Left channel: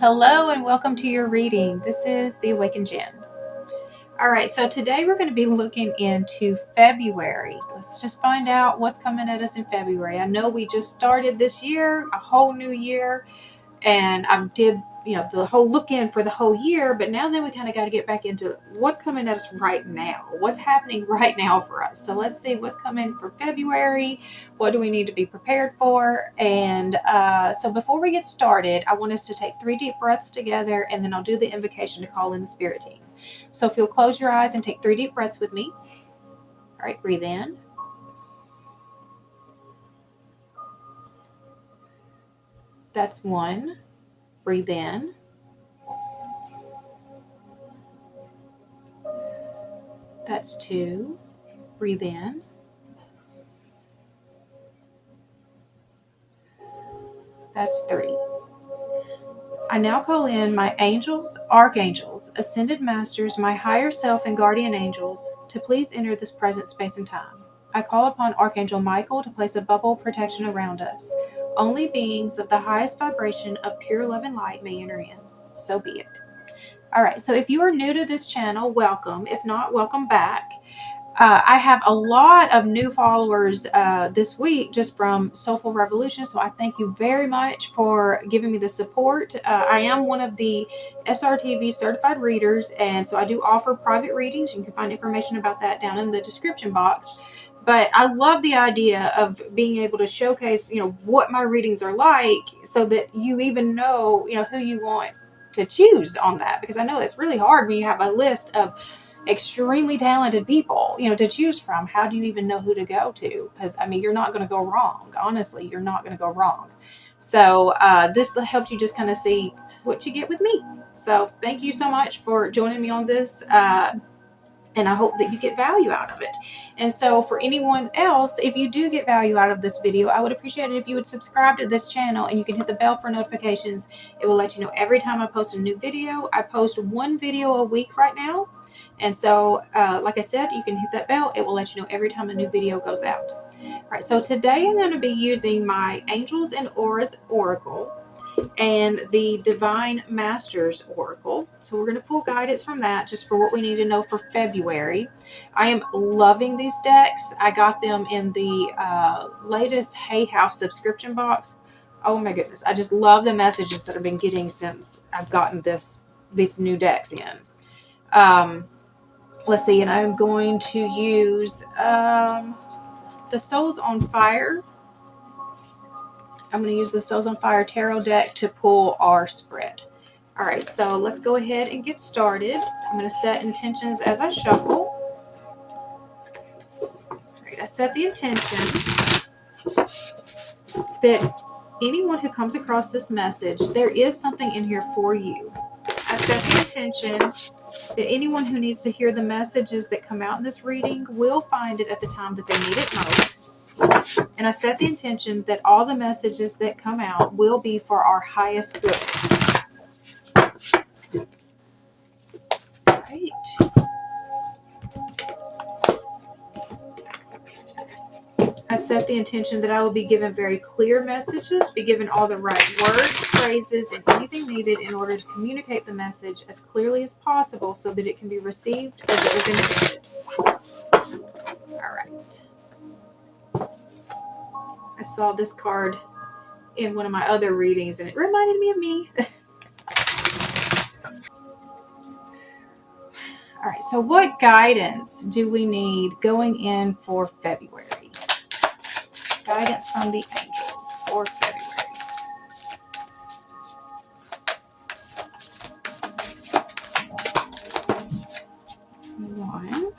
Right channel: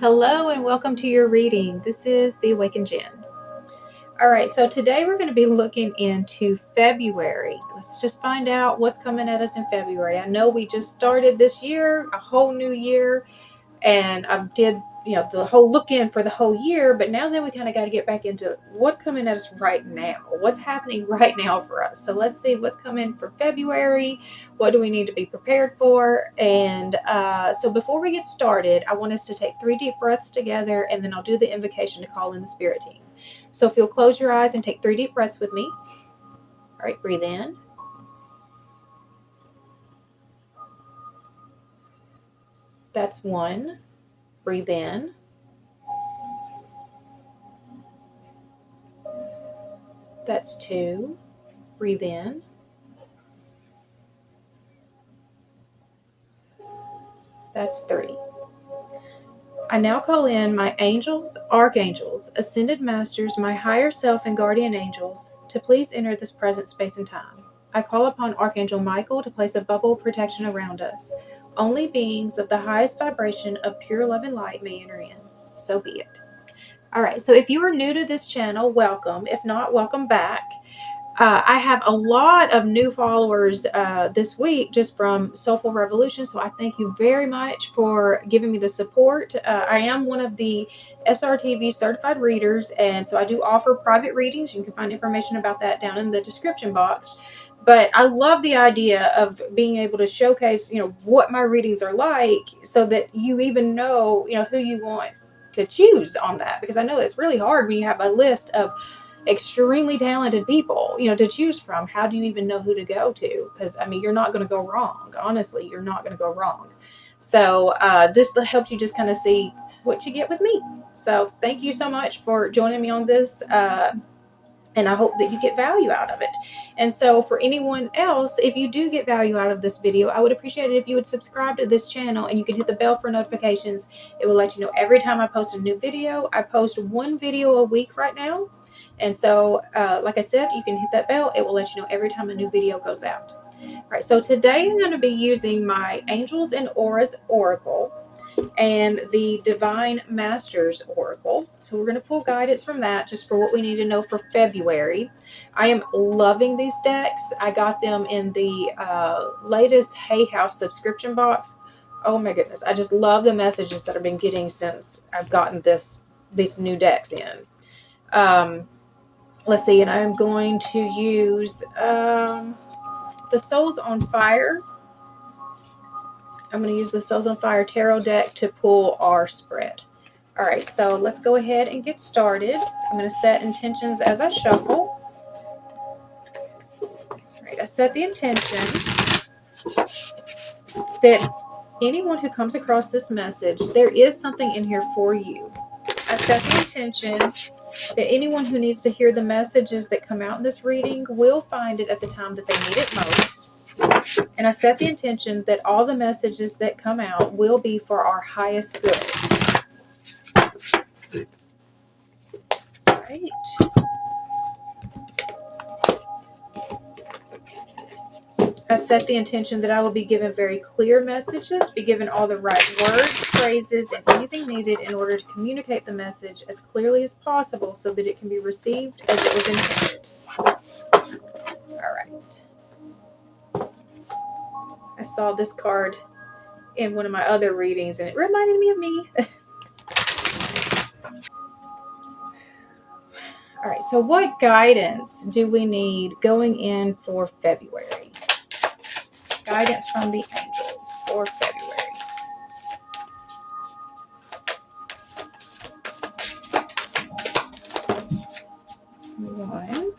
Hello and welcome to your reading. This is the Awakened Jenn. All right, so today we're going to be looking into February. Let's just find out what's coming at us in February. I know we just started this year, a whole new year, and I did, the whole look in for the whole year, but now then we kind of got to get back into what's coming at us right now. What's happening right now for us? So let's see what's coming for February. What do we need to be prepared for? And so before we get started, I want us to take 3 deep breaths together, and then I'll do the invocation to call in the spirit team. So if you'll close your eyes and take 3 deep breaths with me. All right, breathe in. That's 1. Breathe in. That's 2. Breathe in. That's 3. I now call in my angels, archangels, ascended masters, my higher self, and guardian angels to please enter this present space and time. I call upon Archangel Michael to place a bubble of protection around us. Only beings of the highest vibration of pure love and light may enter in. So be it. All right, so if you are new to this channel, welcome. If not, welcome back. I have a lot of new followers this week just from Soulful Revolution, so I thank you very much for giving me the support. I am one of the SRTV certified readers, and so I do offer private readings. You can find information about that down in the description box. But I love the idea of being able to showcase, what my readings are like, so that you even know, who you want to choose on that, because I know it's really hard when you have a list of extremely talented people, to choose from. How do you even know who to go to? Because you're not going to go wrong. Honestly, you're not going to go wrong. So this helps you just kind of see what you get with me. So thank you so much for joining me on this. And I hope that you get value out of it. And so for anyone else, if you do get value out of this video, I would appreciate it if you would subscribe to this channel, and you can hit the bell for notifications. It will let you know every time I post a new video. I post 1 video a week right now. And so, like I said, you can hit that bell. It will let you know every time a new video goes out. All right, so today I'm going to be using my Angels and Auras Oracle and the Divine Masters Oracle. So we're going to pull guidance from that just for what we need to know for February. I am loving these decks. I got them in the latest Hay House subscription box. Oh my goodness. I just love the messages that I've been getting since I've gotten these new decks in. Let's see, and I'm going to use the Souls on Fire. I'm going to use the Souls on Fire Tarot deck to pull our spread. All right, so let's go ahead and get started. I'm going to set intentions as I shuffle. All right, I set the intention that anyone who comes across this message, there is something in here for you. I set the intention that anyone who needs to hear the messages that come out in this reading will find it at the time that they need it most. And I set the intention that all the messages that come out will be for our highest good. All right. I set the intention that I will be given very clear messages, be given all the right words, phrases, and anything needed in order to communicate the message as clearly as possible so that it can be received as it was intended. All right. I saw this card in one of my other readings, and it reminded me of me. All right, so what guidance do we need going in for February? Guidance from the angels for February. One.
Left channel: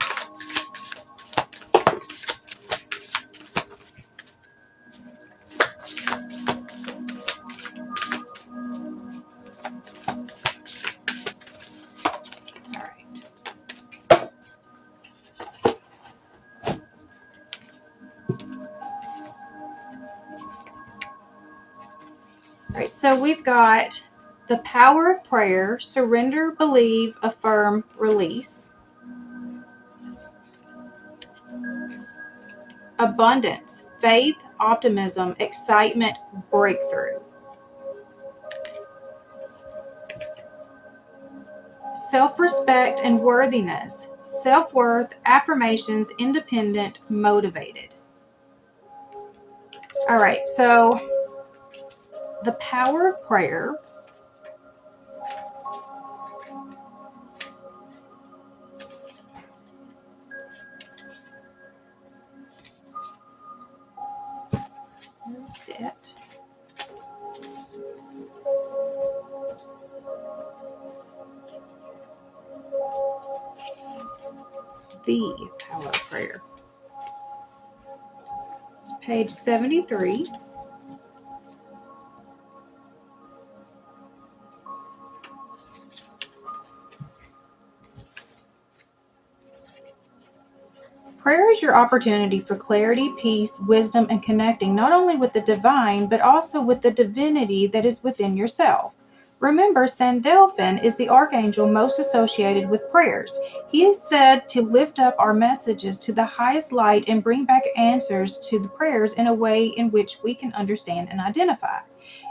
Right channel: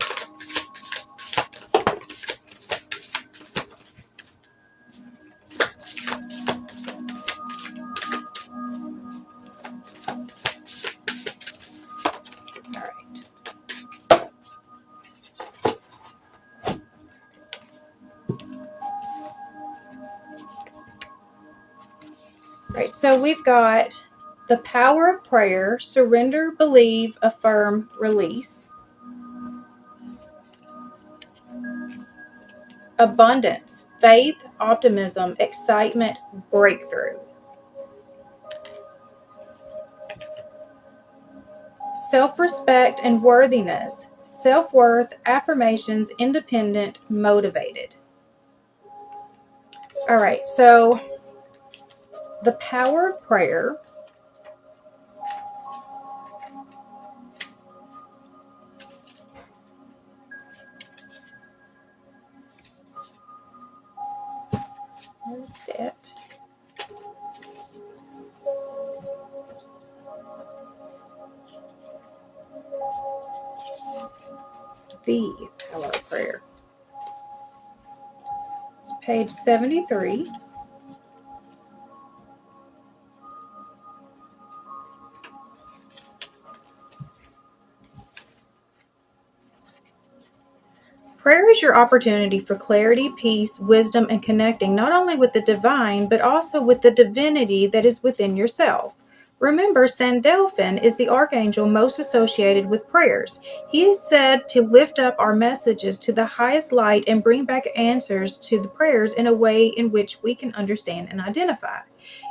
All right, so we've got the power of prayer, surrender, believe, affirm, release. Abundance, faith, optimism, excitement, breakthrough. self-respect and worthiness, self-worth, affirmations, independent, motivated. All right, so the power of prayer. Where's it? The power of prayer. It's page 73. Prayer is your opportunity for clarity, peace, wisdom, and connecting not only with the divine, but also with the divinity that is within yourself. Remember, Sandalphon is the archangel most associated with prayers. He is said to lift up our messages to the highest light and bring back answers to the prayers in a way in which we can understand and identify.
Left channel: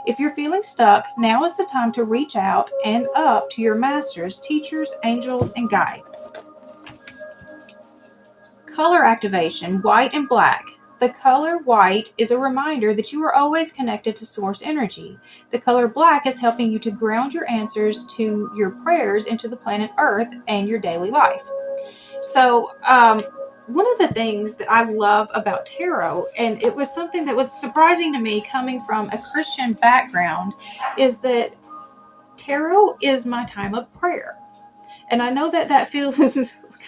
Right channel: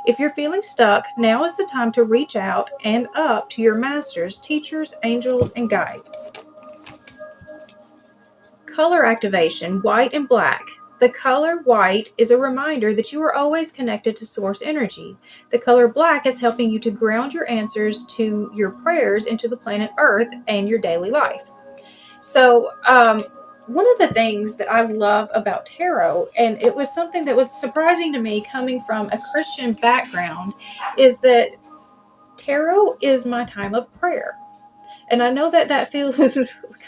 If you're feeling stuck, now is the time to reach out and up to your masters, teachers, angels, and guides. Color activation, white and black. The color white is a reminder that you are always connected to source energy. The color black is helping you to ground your answers to your prayers into the planet Earth and your daily life. So, one of the things that I love about tarot, and it was something that was surprising to me coming from a Christian background, is that tarot is my time of prayer. And I know that that feels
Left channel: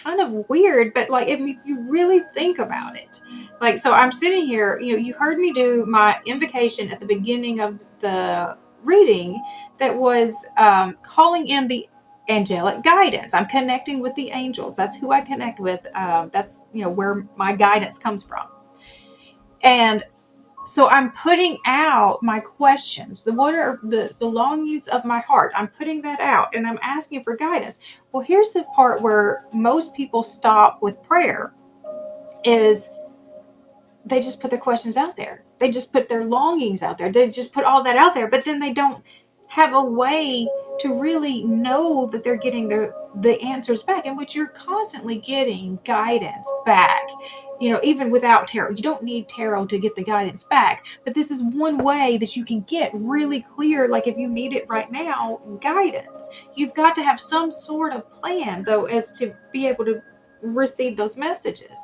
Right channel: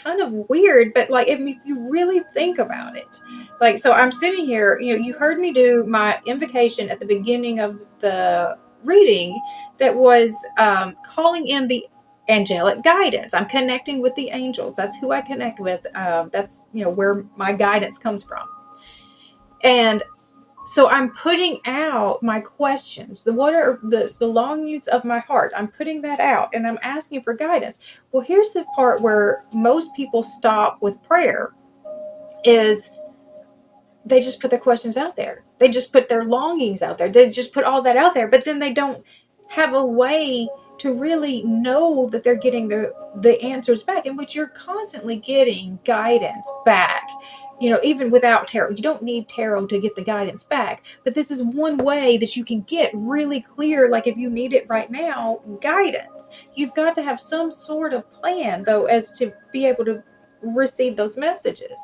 kind of weird, but like if you really think about it, like, so I'm sitting here, you heard me do my invocation at the beginning of the reading that was calling in the angelic guidance. I'm connecting with the angels. That's who I connect with. That's, where my guidance comes from. And so I'm putting out my questions. What are the longings of my heart? I'm putting that out and I'm asking for guidance. Well, here's the part where most people stop with prayer is they just put their questions out there. They just put their longings out there. They just put all that out there, but then they don't have a way to really know that they're getting the answers back, in which you're constantly getting guidance back. Even without tarot, you don't need tarot to get the guidance back, but this is one way that you can get really clear, like if you need it right now, guidance. You've got to have some sort of plan, though, as to be able to receive those messages.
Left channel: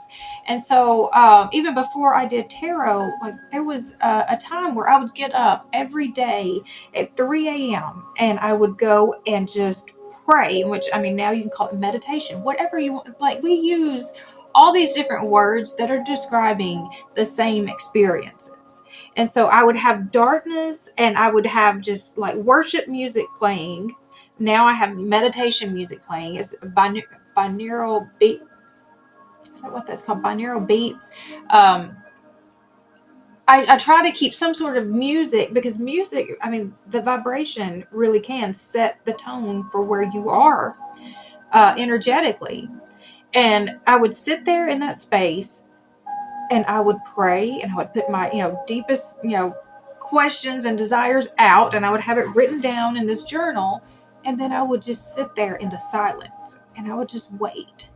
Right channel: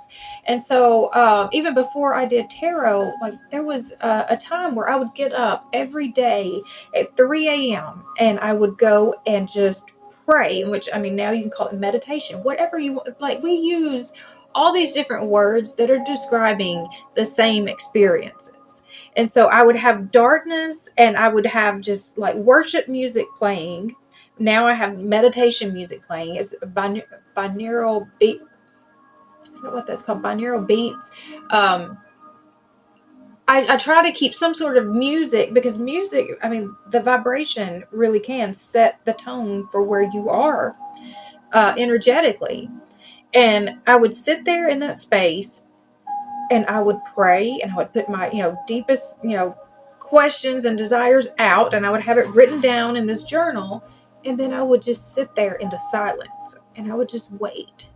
And so even before I did tarot, like there was a time where I would get up every day at 3 a.m. and I would go and just pray, which, I mean, now you can call it meditation, whatever you want. Like, we use all these different words that are describing the same experiences. And so I would have darkness and I would have just like worship music playing. Now I have meditation music playing. It's binaural beat. Is that what that's called? Binaural beats. I try to keep some sort of music, because music, I mean, the vibration really can set the tone for where you are energetically. And I would sit there in that space and I would pray and I would put my, deepest, questions and desires out, and I would have it written down in this journal. And then I would just sit there in the silence and I would just wait.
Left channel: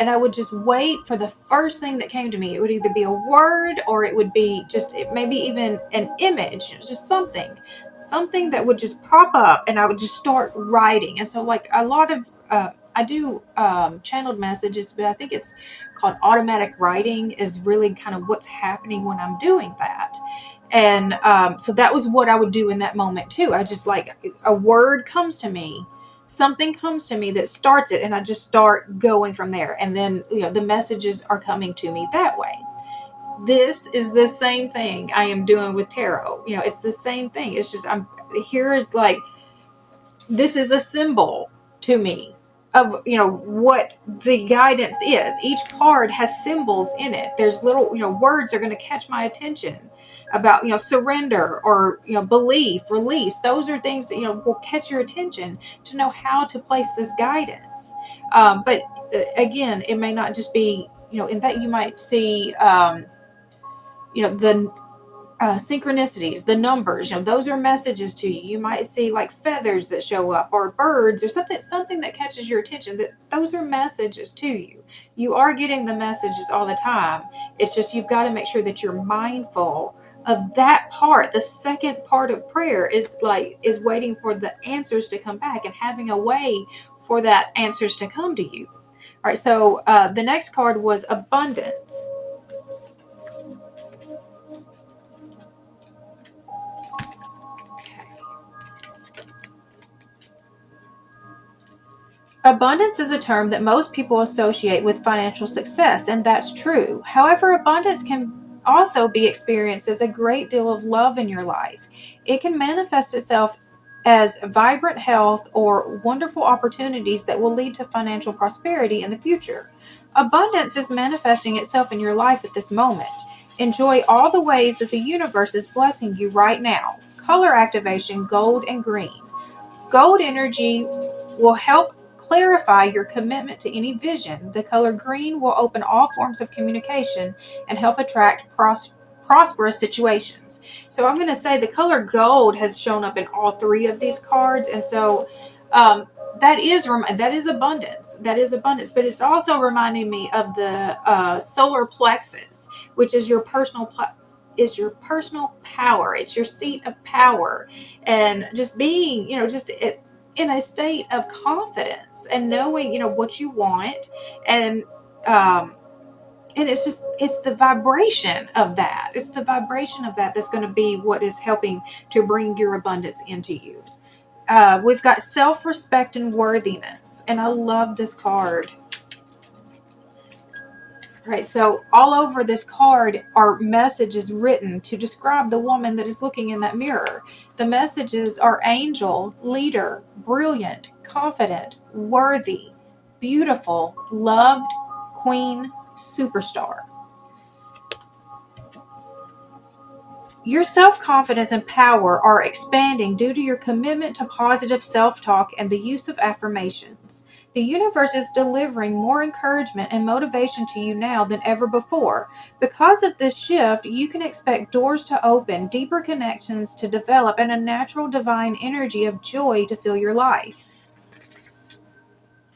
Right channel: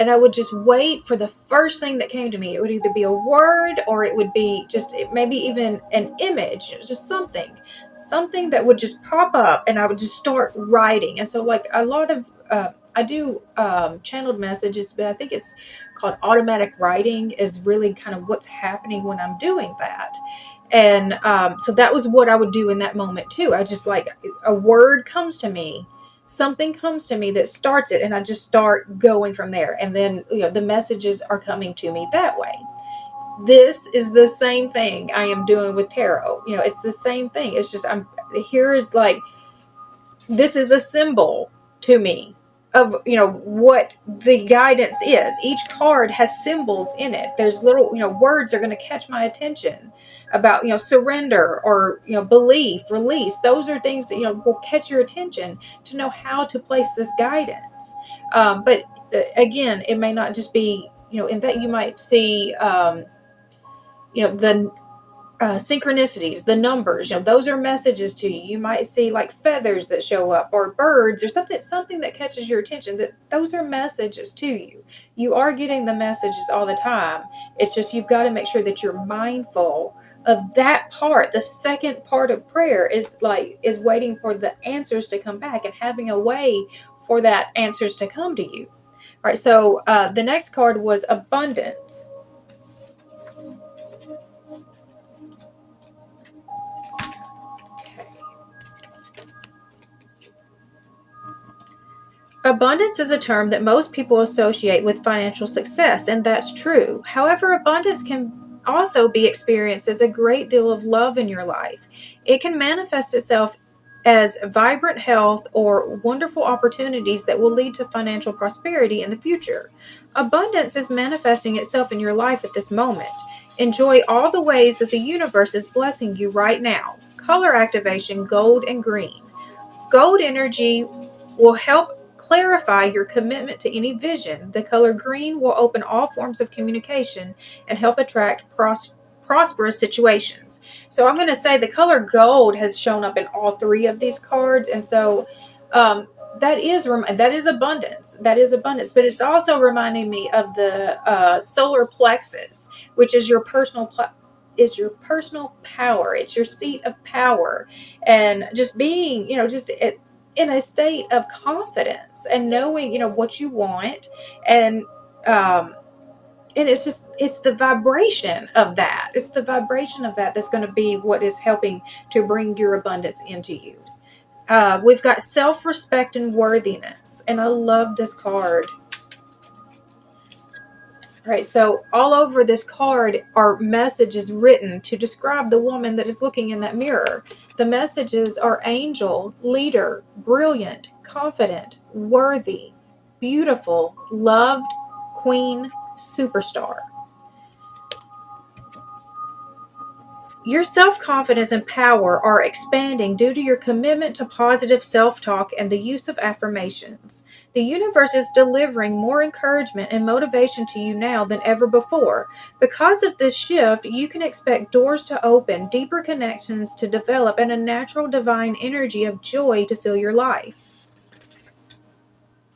And I would just wait for the first thing that came to me. It would either be a word or it would be just maybe even an image, just something that would just pop up, and I would just start writing. And so, like, a lot of I do channeled messages, but I think it's called automatic writing is really kind of what's happening when I'm doing that. And so that was what I would do in that moment too. I just, like, a word comes to me, something comes to me that starts it, and I just start going from there. And then, the messages are coming to me that way. This is the same thing I am doing with tarot. It's the same thing. It's just, here is like, this is a symbol to me of, what the guidance is. Each card has symbols in it. There's little, words are going to catch my attention about, surrender or, belief, release. Those are things that, will catch your attention to know how to place this guidance. But again, it may not just be, in that you might see, the synchronicities, the numbers, those are messages to you. You might see like feathers that show up, or birds, or something that catches your attention. That those are messages to you. You are getting the messages all the time. It's just you've got to make sure that you're mindful of that part. The second part of prayer is waiting for the answers to come back and having a way for that answers to come to you. All right, so the next card was abundance. Abundance is a term that most people associate with financial success, and that's true. However, abundance can also be experienced as a great deal of love in your life. It can manifest itself as vibrant health or wonderful opportunities that will lead to financial prosperity in the future. Abundance is manifesting itself in your life at this moment. Enjoy all the ways that the universe is blessing you right now. Color activation, gold and green. Gold energy will help clarify your commitment to any vision. The color green will open all forms of communication and help attract prosperous situations. So I'm going to say the color gold has shown up in all three of these cards, and so that is abundance. That is abundance, but it's also reminding me of the solar plexus, which is your personal power. It's your seat of power, and just being, in a state of confidence and knowing, what you want, and it's the vibration of that. It's the vibration of that that's going to be what is helping to bring your abundance into you. We've got self-respect and worthiness, and I love this card. Right, so all over this card are messages written to describe the woman that is looking in that mirror. The messages are angel, leader, brilliant, confident, worthy, beautiful, loved, queen, superstar. Your self-confidence and power are expanding due to your commitment to positive self-talk and the use of affirmations. The universe is delivering more encouragement and motivation to you now than ever before. Because of this shift, you can expect doors to open, deeper connections to develop, and a natural divine energy of joy to fill your life.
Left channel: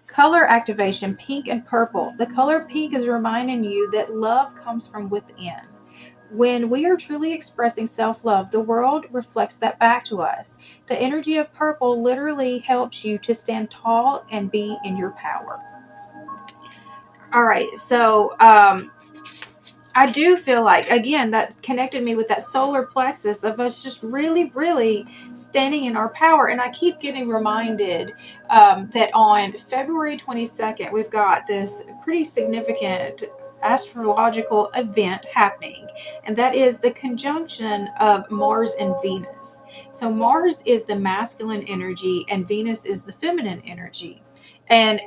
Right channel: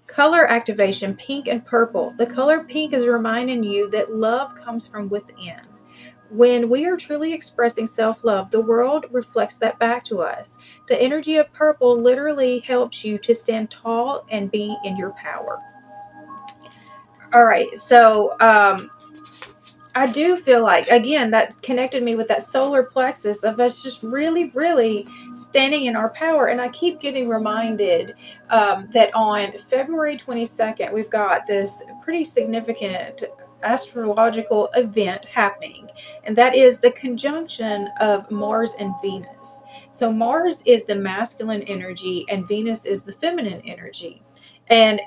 Color activation, pink and purple. The color pink is reminding you that love comes from within. When we are truly expressing self-love, the world reflects that back to us. The energy of purple literally helps you to stand tall and be in your power. All right, so I do feel like, again, that connected me with that solar plexus of us just really, really standing in our power. And I keep getting reminded that on February 22nd, we've got this pretty significant astrological event happening, and that is the conjunction of Mars and Venus. So Mars is the masculine energy and Venus is the feminine energy, and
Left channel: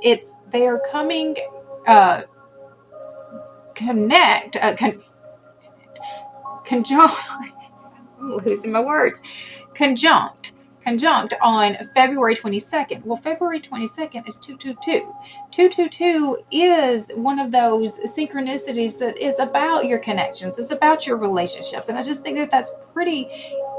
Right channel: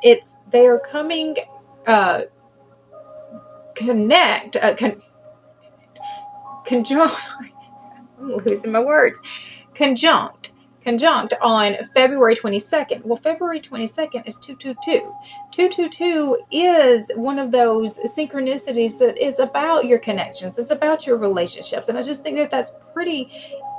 they are coming connect conjunct I'm losing my words conjunct on February 22nd. Well, February 22nd is 222. 222 is one of those synchronicities that is about your connections. It's about your relationships. And I just think that that's pretty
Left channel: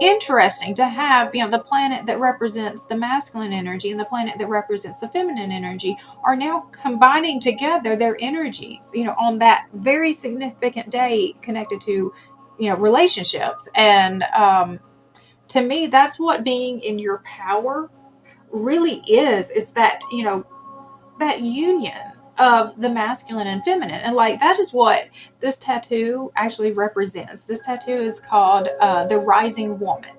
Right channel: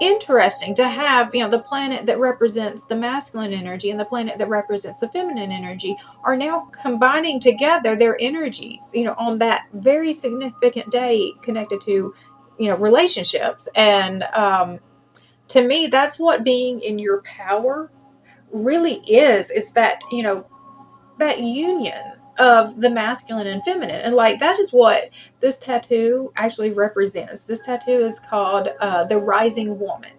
interesting to have, the planet that represents the masculine energy and the planet that represents the feminine energy are now combining together their energies, on that very significant day connected to, relationships. And, to me, that's what being in your power really is that, that union of the masculine and feminine. And that is what this tattoo actually represents. This tattoo is called the Rising Woman.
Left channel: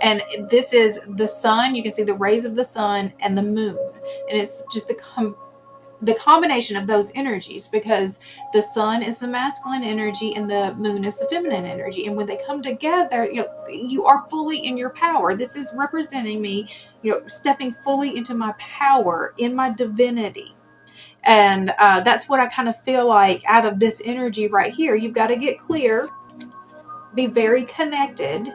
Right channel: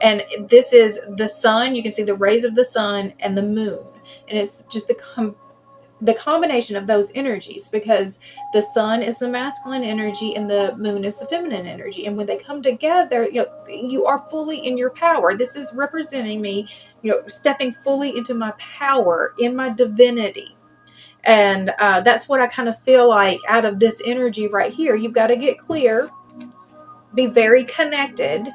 And this is the sun. You can see the rays of the sun and the moon. And it's just the combination of those energies, because the sun is the masculine energy and the moon is the feminine energy, and when they come together, you are fully in your power. This is representing me, stepping fully into my power, in my divinity. And that's what I kind of feel like out of this energy right here. You've got to get clear, be very connected,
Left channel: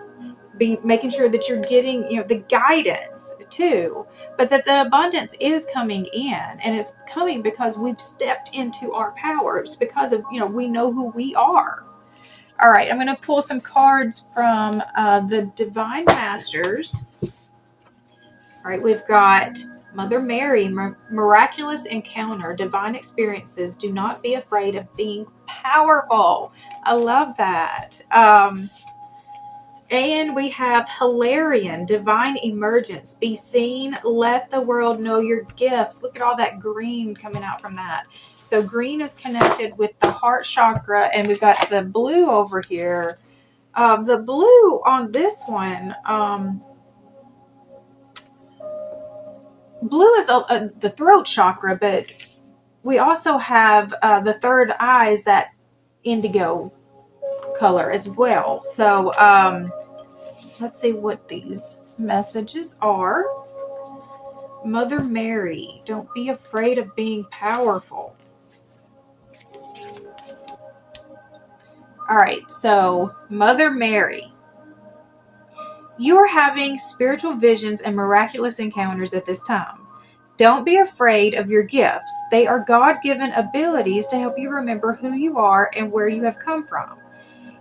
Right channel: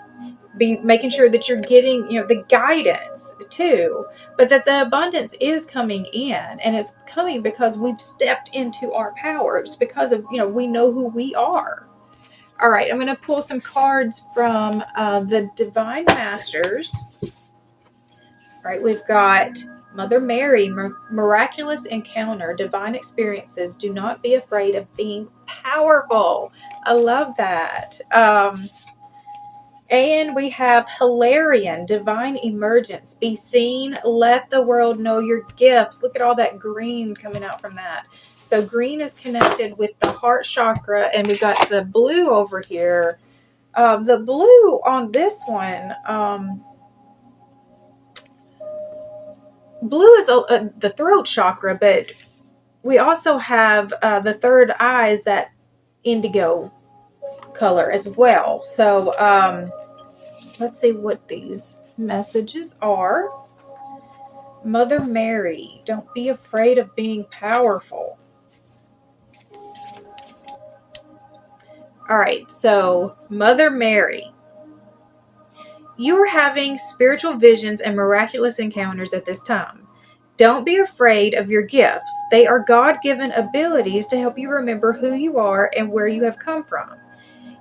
be making sure that you're getting, the guidance too, but that the abundance is coming in, and it's coming because we've stepped into our power. It's because of, we know who we are. All right, I'm going to pull some cards from the Divine Masters. All right, we've got Mother Mary, miraculous encounter, divine experiences. Do not be afraid of being powerful. I love that. And we have Hilarion, divine emergence. Be seen, let the world know your gifts. Look at all that green coming out from that. So green is connected with the heart chakra, and we've got the blue over here. The blue on this one, blue is the throat chakra, but we also have the third eye is that indigo color as well. So let's see what these messages are. Mother Mary, don't be afraid of being powerful. All right, so Mother Mary, you are having spiritual visions and miraculous encounters at this time. Don't be afraid of your gifts. They are God-given abilities to help you remember who you are and where you have come from.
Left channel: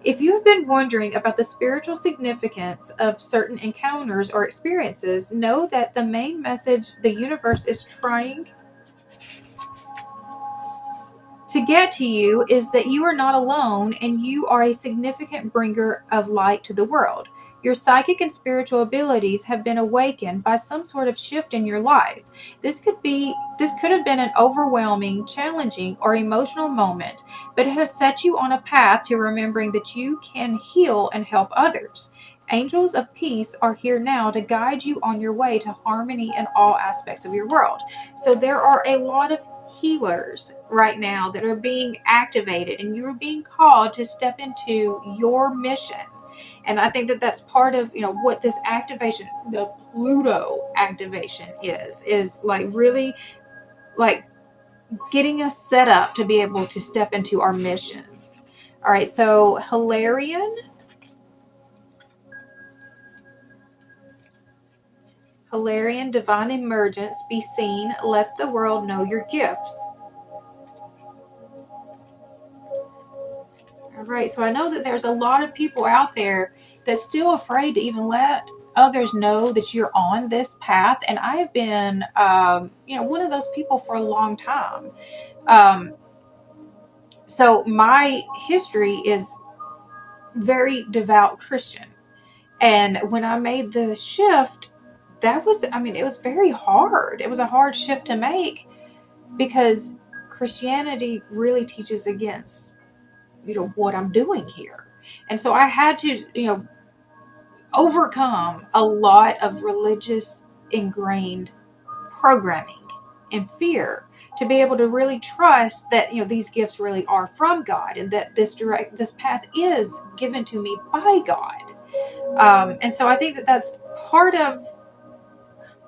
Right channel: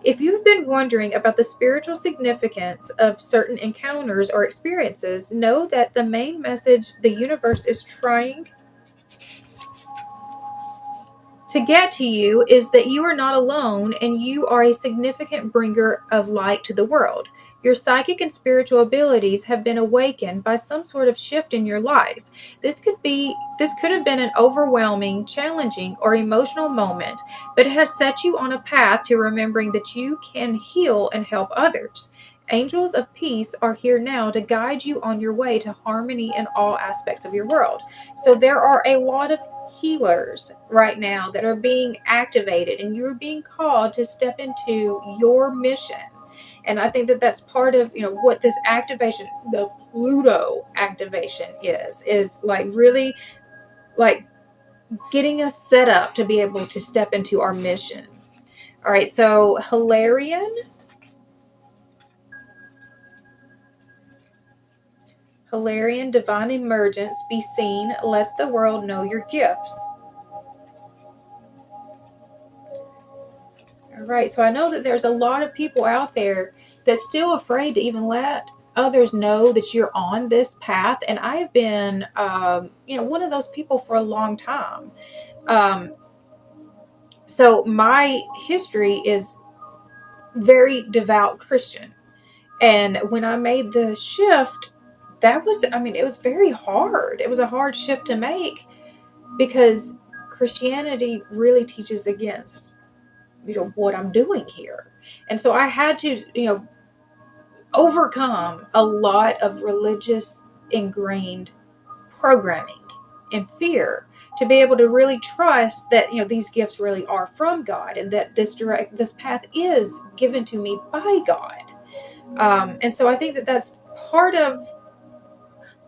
If you've been wondering about the spiritual significance of certain encounters or experiences, know that the main message the universe is trying to get to you is that you are not alone and you are a significant bringer of light to the world. Your psychic and spiritual abilities have been awakened by some sort of shift in your life. This could have been an overwhelming, challenging, or emotional moment, but it has set you on a path to remembering that you can heal and help others. Angels of peace are here now to guide you on your way to harmony in all aspects of your world. So there are a lot of healers right now that are being activated, and you're being called to step into your mission. And I think that that's part of what this activation, the Pluto activation, is like really like getting us set up to be able to step into our mission. All right, so Hilarion, divine emergence. Be seen, let the world know your gifts. All right, so I know that there's a lot of people out there that's still afraid to even let others know that you're on this path. And I've been, one of those people for a long time. So my history is very devout Christian. And when I made the shift, it was very hard. It was a hard shift to make because Christianity really teaches against what I'm doing here. And so I had to overcome a lot of religious ingrained programming and fear to be able to really trust that these gifts really are from God, and that this path is given to me by God. And so I think that that's part of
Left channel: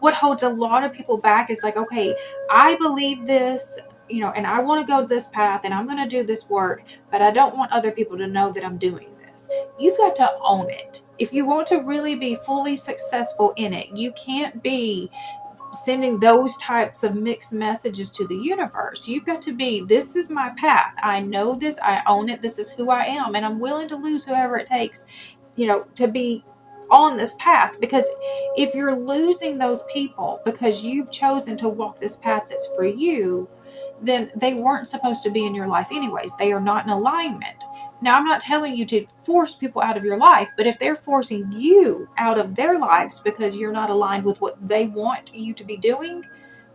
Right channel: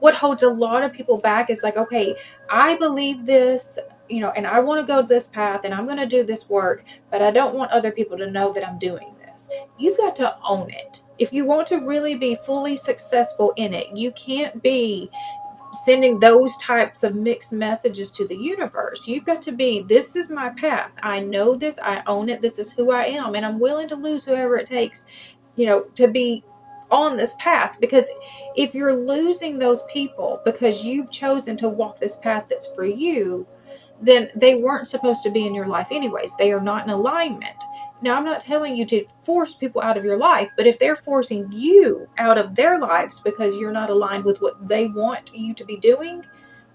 what holds a lot of people back, is like, okay, I believe this, and I want to go this path and I'm going to do this work, but I don't want other people to know that I'm doing this. You've got to own it. If you want to really be fully successful in it, you can't be sending those types of mixed messages to the universe. You've got to be, this is my path. I know this, I own it. This is who I am. And I'm willing to lose whoever it takes, to be on this path. Because if you're losing those people because you've chosen to walk this path that's for you, then they weren't supposed to be in your life anyways. They are not in alignment. Now, I'm not telling you to force people out of your life, but if they're forcing you out of their lives because you're not aligned with what they want you to be doing,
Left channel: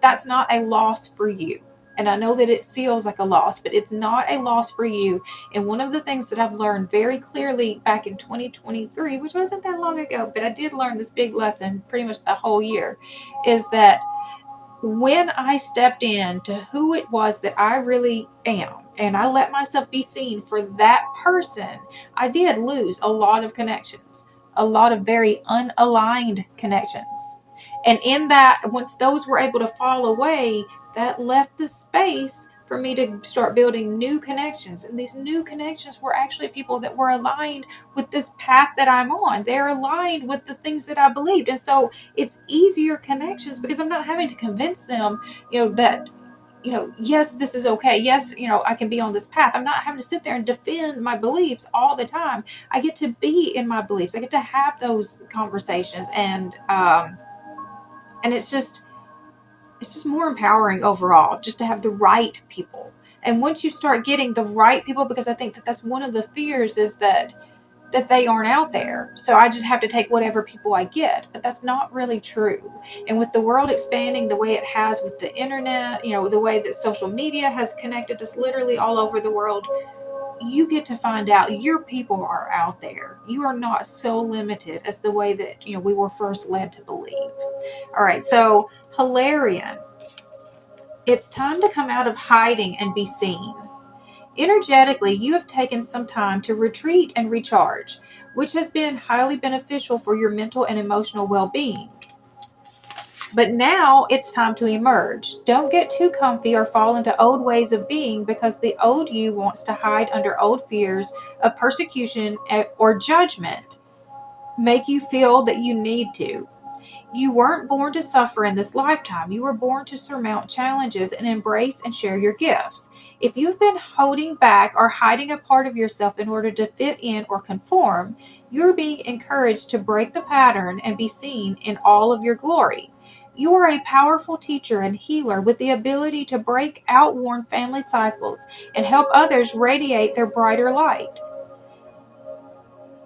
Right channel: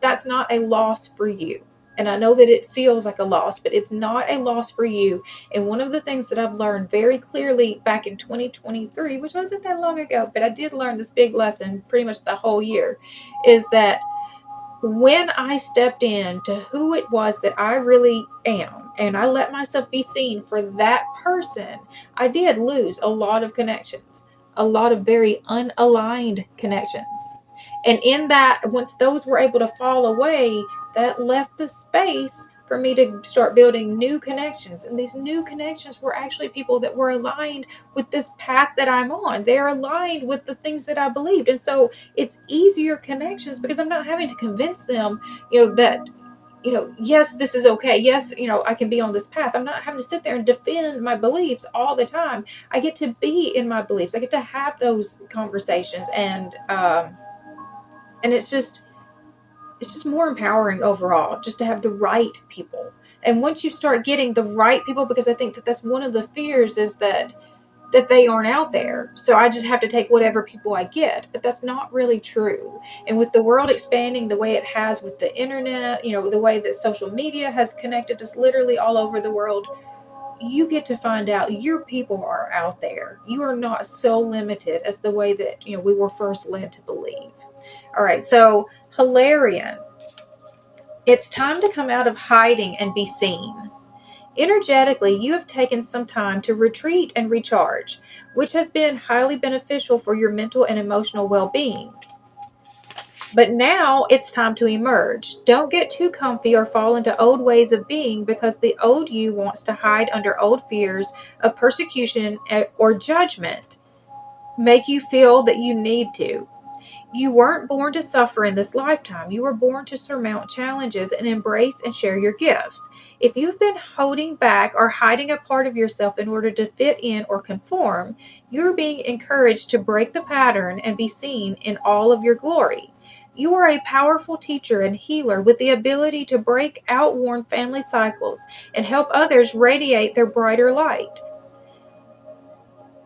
that's not a loss for you. And I know that it feels like a loss, but it's not a loss for you. And one of the things that I've learned very clearly back in 2023, which wasn't that long ago, but I did learn this big lesson pretty much the whole year, is that when I stepped into who it was that I really am, and I let myself be seen for that person, I did lose a lot of connections, a lot of very unaligned connections. And in that, once those were able to fall away, that left the space for me to start building new connections. And these new connections were actually people that were aligned with this path that I'm on. They're aligned with the things that I believed. And so it's easier connections because I'm not having to convince them, that yes, this is okay. Yes, I can be on this path. I'm not having to sit there and defend my beliefs all the time. I get to be in my beliefs. I get to have those conversations, and it's just more empowering overall, just to have the right people. And once you start getting the right people, because I think that that's one of the fears, is that they aren't out there. So I just have to take whatever people I get. But that's not really true. And with the world expanding the way it has with the internet, the way that social media has connected us literally all over the world, you get to find out your people are out there. You are not so limited as the way that, we were first led to believe. All right. So Hilarion, it's time to come out of hiding and be seen. Energetically, you have taken some time to retreat and recharge, which has been highly beneficial for your mental and emotional well-being. But now it's time to emerge. Don't get too comfy or fall into old ways of being, because the old you wants to hide under old fears of persecution or judgment, make you feel that you need to. You weren't born to suffer in this lifetime. You were born to surmount challenges and embrace and share your gifts. If you've been holding back or hiding a part of yourself in order to fit in or conform, you're being encouraged to break the pattern and be seen in all of your glory. You are a powerful teacher and healer with the ability to break outworn family cycles and help others radiate their brighter light.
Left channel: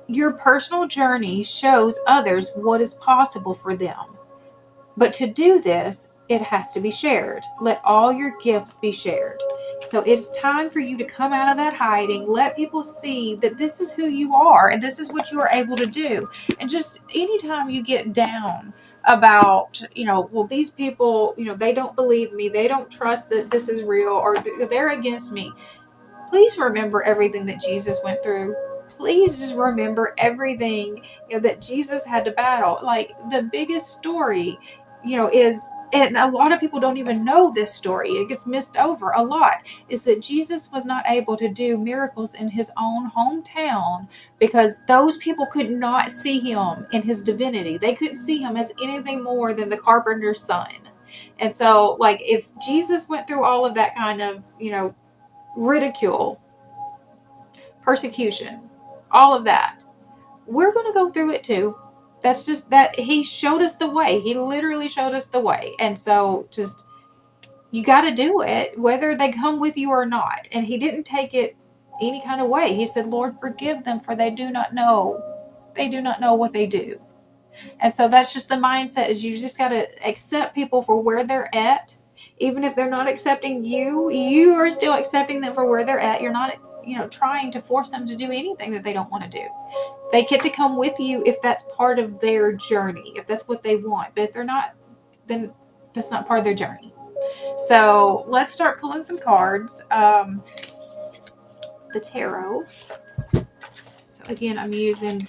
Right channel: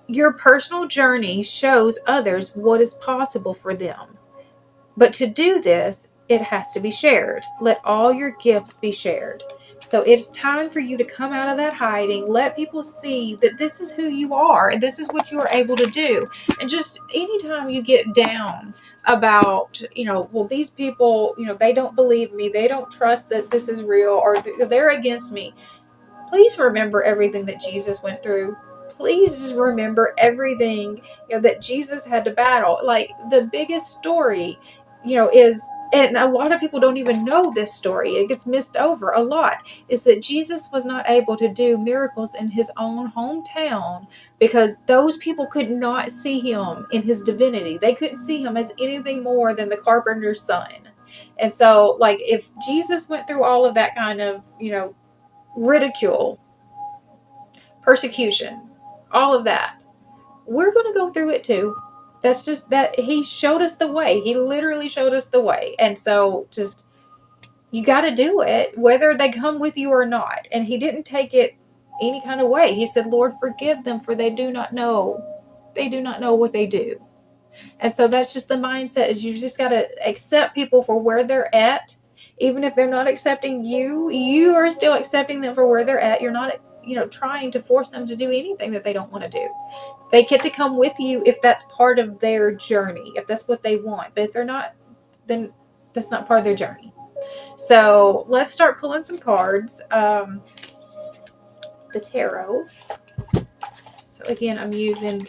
Your personal journey shows others what is possible for them. But to do this, it has to be shared. Let all your gifts be shared. So it's time for you to come out of that hiding. Let people see that this is who you are and this is what you are able to do. And just anytime you get down about, well, these people, they don't believe me, they don't trust that this is real, or they're against me. Please remember everything that Jesus went through. Please just remember everything, that Jesus had to battle. Like, the biggest story, is, and a lot of people don't even know this story, it gets missed over a lot, is that Jesus was not able to do miracles in his own hometown because those people could not see him in his divinity. They couldn't see him as anything more than the carpenter's son. And so, like, if Jesus went through all of that kind of, ridicule, persecution, all of that, we're going to go through it too. That's just that he showed us the way. He literally showed us the way. And so just, you got to do it whether they come with you or not. And he didn't take it any kind of way. He said, Lord, forgive them, for they do not know what they do. And so that's just the mindset, is you just got to accept people for where they're at. Even if they're not accepting you, you are still accepting them for where they're at. You're not, trying to force them to do anything that they don't want to do. They get to come with you if that's part of their journey, if that's what they want. But if they're not, then that's not part of their journey. So let's start pulling some cards. The tarot. So again, I'm using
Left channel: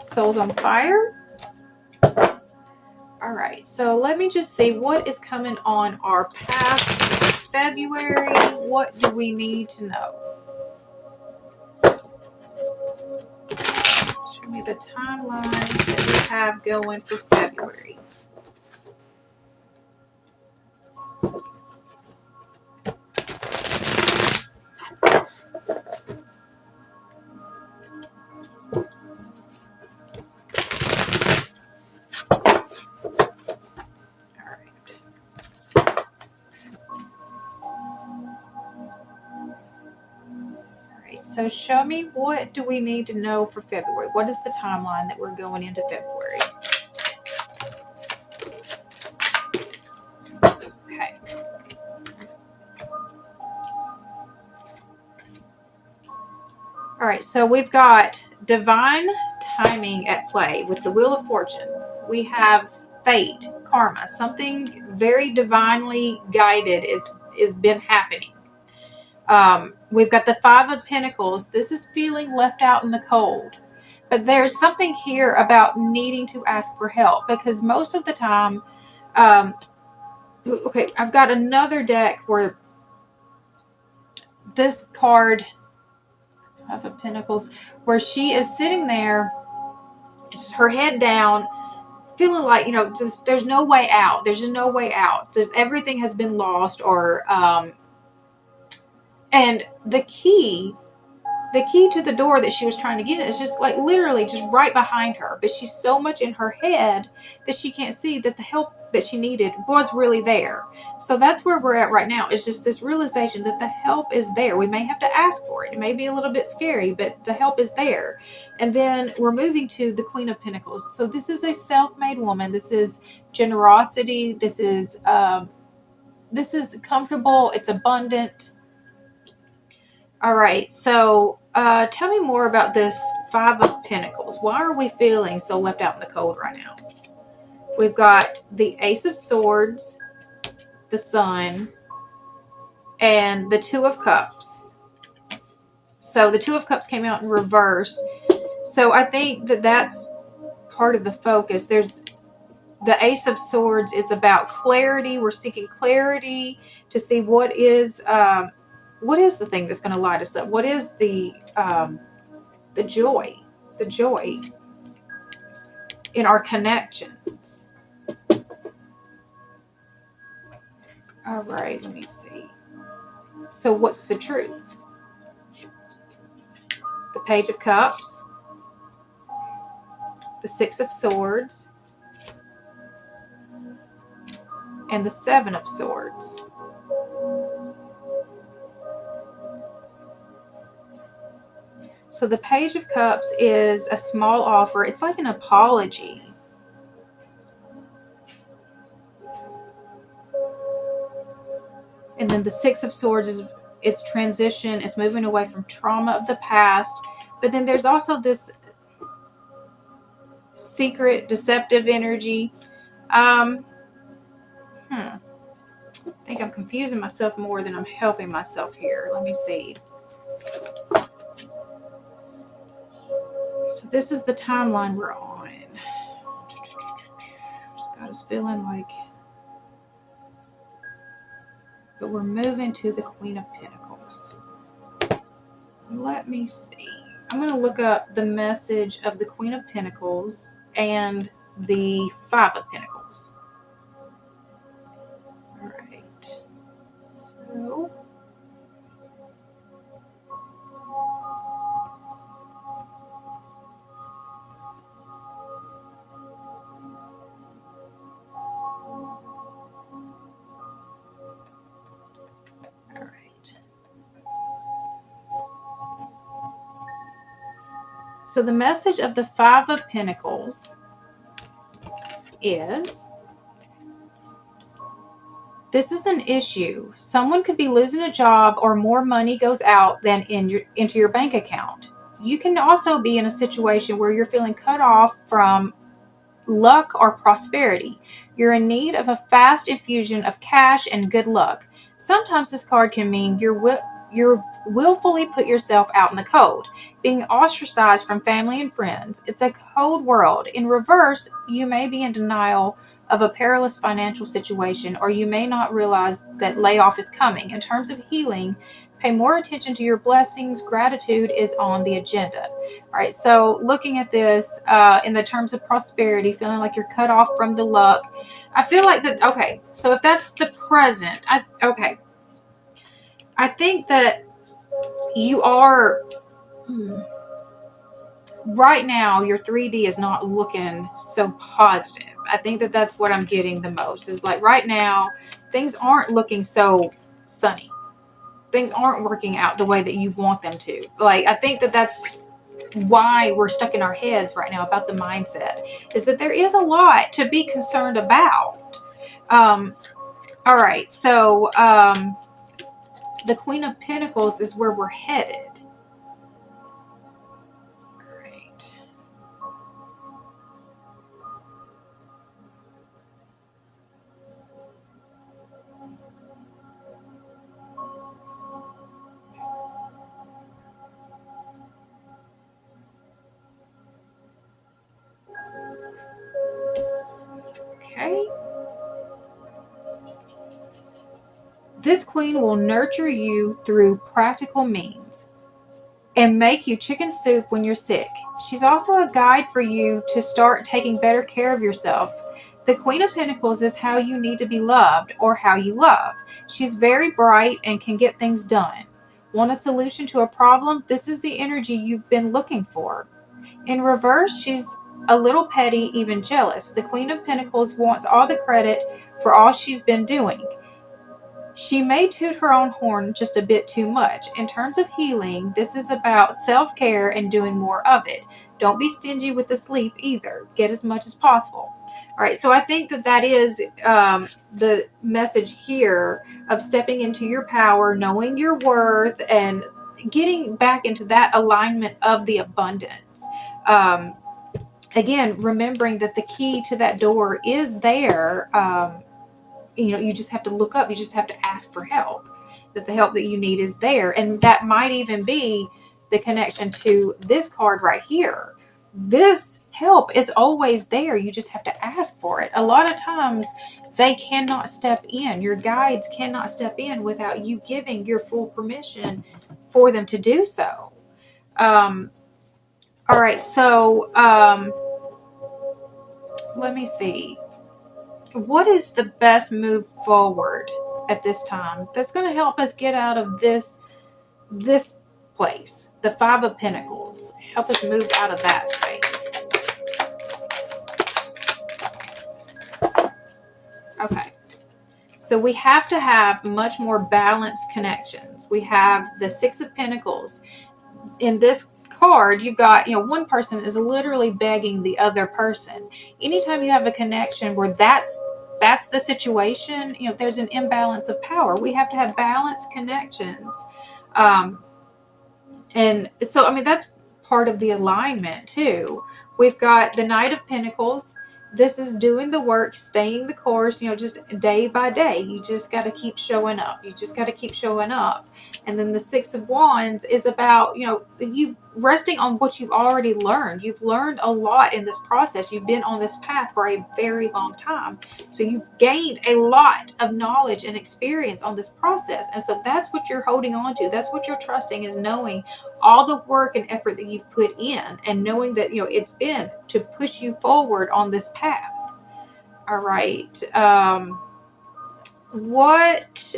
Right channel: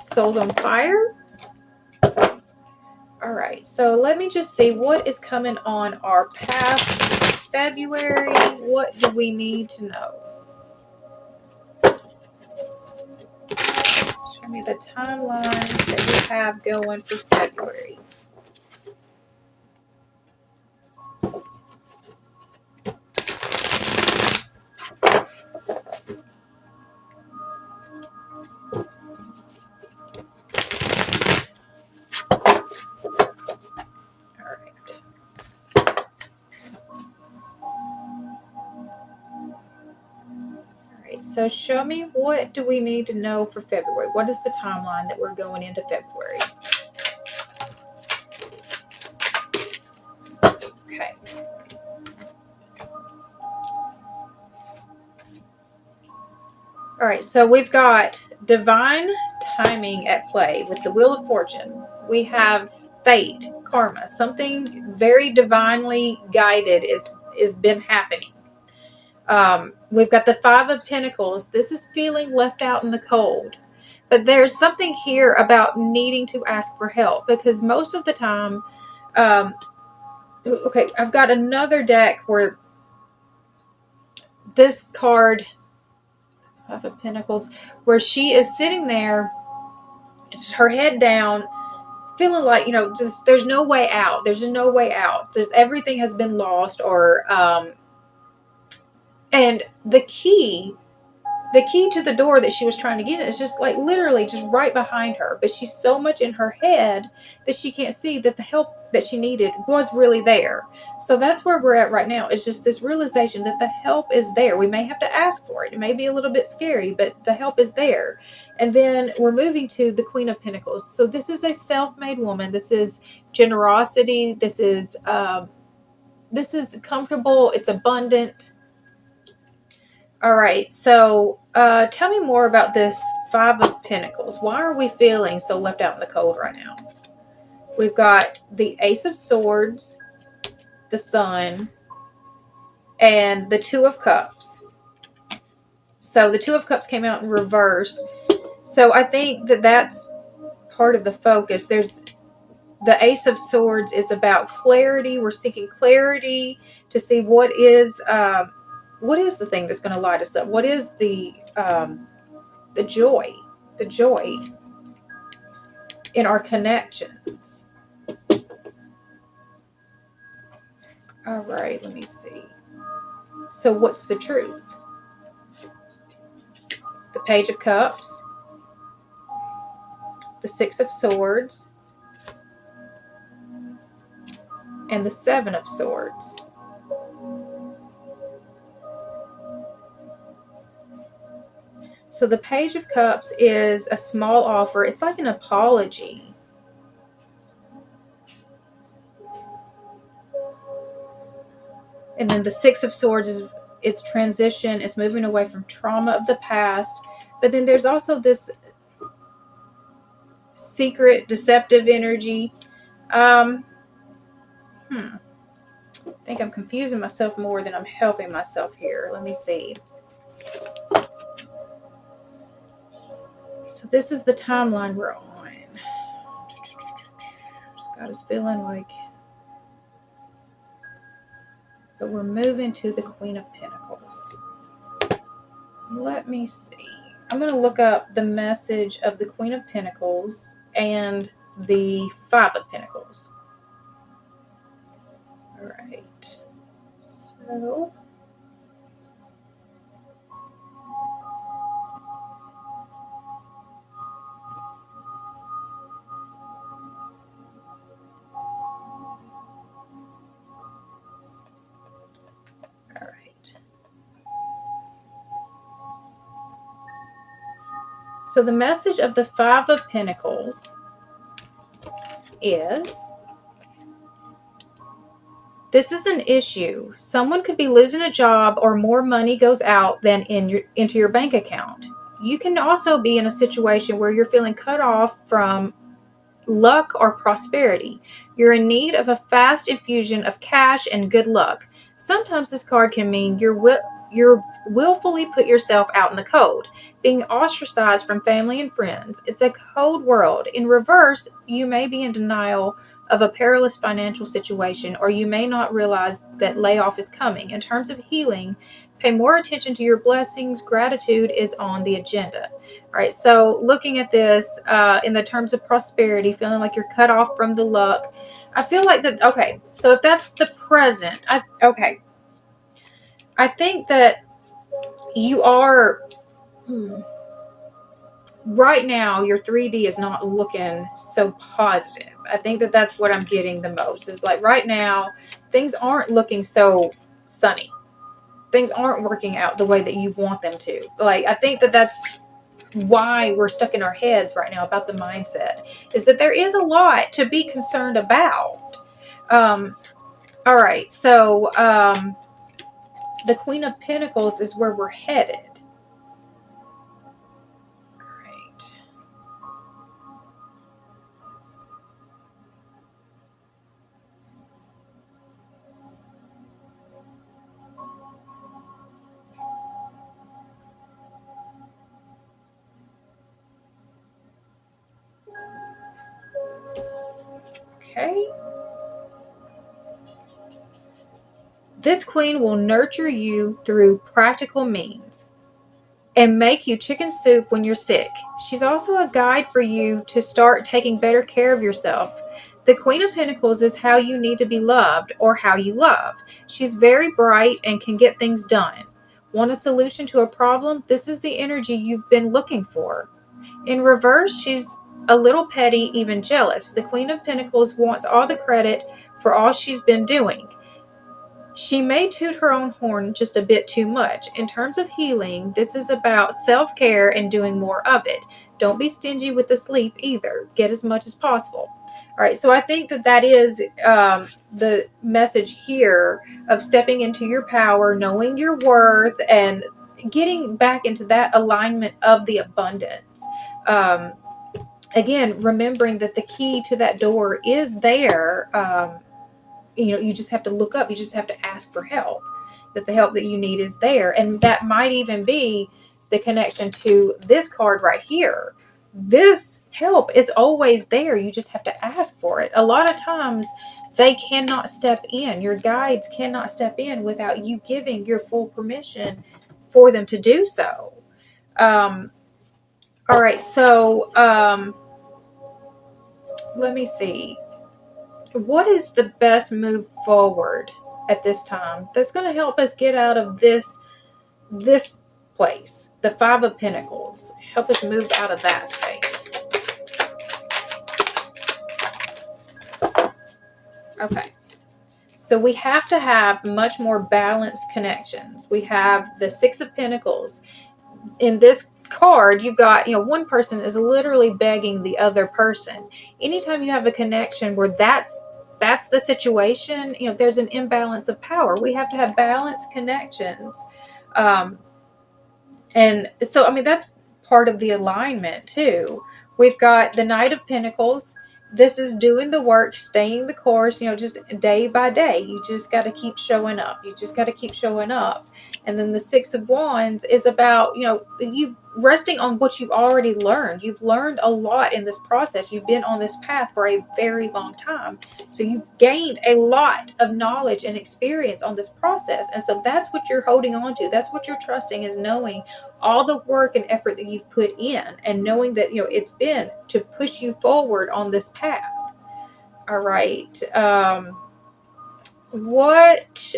Souls on Fire. All right, so let me just see what is coming on our path for February. What do we need to know? Show me the timelines that we have going for February. So show me, what do we need to know for February? What is the timeline that we're going into February? Okay. All right, so we've got divine timing at play with the Wheel of Fortune. We have fate, karma, something very divinely guided is been happening. We've got the Five of Pentacles. This is feeling left out in the cold. But there's something here about needing to ask for help, because most of the time, okay, I've got another deck where this card, Five of Pentacles, where she is sitting there, her head down, feeling like, just there's no way out. There's just no way out. Everything has been lost, or and the key to the door that she was trying to get in is just like literally just right behind her, but she's so much in her head that she can't see that the help that she needed was really there. So that's where we're at right now. It's just this realization that the help is there. We may have to ask for it. It may be a little bit scary, but the help is there. And then we're moving to the Queen of Pentacles. So this is a self-made woman. This is generosity. This is comfortable. It's abundant. All right, so tell me more about this Five of Pentacles. Why are we feeling so left out in the cold right now? We've got the Ace of Swords, the Sun, and the Two of Cups. So the Two of Cups came out in reverse. So I think that that's part of the focus. There's the Ace of Swords is about clarity. We're seeking clarity to see what is the thing that's going to light us up. What is the joy in our connections. All right, let me see. So what's the truth? The Page of Cups, the Six of Swords, and the Seven of Swords. So the Page of Cups is a small offer. It's like an apology. And then the Six of Swords is it's transition. It's moving away from trauma of the past. But then there's also this secret, deceptive energy. I think I'm confusing myself more than I'm helping myself here. Let me see. So this is the timeline we're on. Just got us feeling like, but we're moving to the Queen of Pentacles. Let me see. I'm going to look up the message of the Queen of Pentacles and the Five of Pentacles. All right. So So the message of the Five of Pentacles is, this is an issue. Someone could be losing a job, or more money goes out than into your bank account. You can also be in a situation where you're feeling cut off from luck or prosperity. You're in need of a fast infusion of cash and good luck. Sometimes this card can mean you're willfully put yourself out in the cold, being ostracized from family and friends. It's a cold world. In reverse, you may be in denial of a perilous financial situation, or you may not realize that layoff is coming. In terms of healing, pay more attention to your blessings. Gratitude is on the agenda. All right, so looking at this in the terms of prosperity, feeling like you're cut off from the luck. I feel like that, okay, so if that's the present, I think that you are, right now, your 3D is not looking so positive. I think that that's what I'm getting the most, is like right now, things aren't looking so sunny. Things aren't working out the way that you want them to. Like, I think that that's why we're stuck in our heads right now about the mindset, is that there is a lot to be concerned about. All right, so the Queen of Pentacles is where we're headed. All right. Okay. This queen will nurture you through practical means. and make you chicken soup when you're sick. She's also a guide for you to start taking better care of yourself. The Queen of Pentacles is how you need to be loved or how you love. She's very bright and can get things done. Want a solution to a problem? This is the energy you've been looking for. In reverse, she's a little petty, even jealous. The Queen of Pentacles wants all the credit for all she's been doing. She may toot her own horn just a bit too much. In terms of healing, this is about self-care and doing more of it. Don't be stingy with the sleep either. Get as much as possible. All right, so I think that is the message here of stepping into your power, knowing your worth, and getting back into that alignment of the abundance. Again, remembering that the key to that door is there. You just have to look up. You just have to ask for help, that the help that you need is there. And that might even be the connection to this card right here. This help is always there. You just have to ask for it. A lot of times they cannot step in. Your guides cannot step in without you giving your full permission for them to do so. All right. So let me see. What is the best move forward at this time that's going to help us get out of this place? The Five of Pentacles. Help us move out of that space. Okay. So we have to have much more balanced connections. We have the Six of Pentacles. In this card, you've got, one person is literally begging the other person. Anytime you have a connection where that's the situation, there's an imbalance of power. We have to have balanced connections. And so, that's part of the alignment too. We've got the Knight of Pentacles. This is doing the work, staying the course, just day by day. You just got to keep showing up. You just got to keep showing up. And then the Six of Wands is about, you resting on what you've already learned. You've learned a lot in this process. You've been on this path for a very long time. So you've gained a lot of knowledge and experience on this process. And so that's what you're holding on to. That's what you're trusting, is knowing all the work and effort that you've put in, and knowing that, it's been to push you forward on this path. All right. What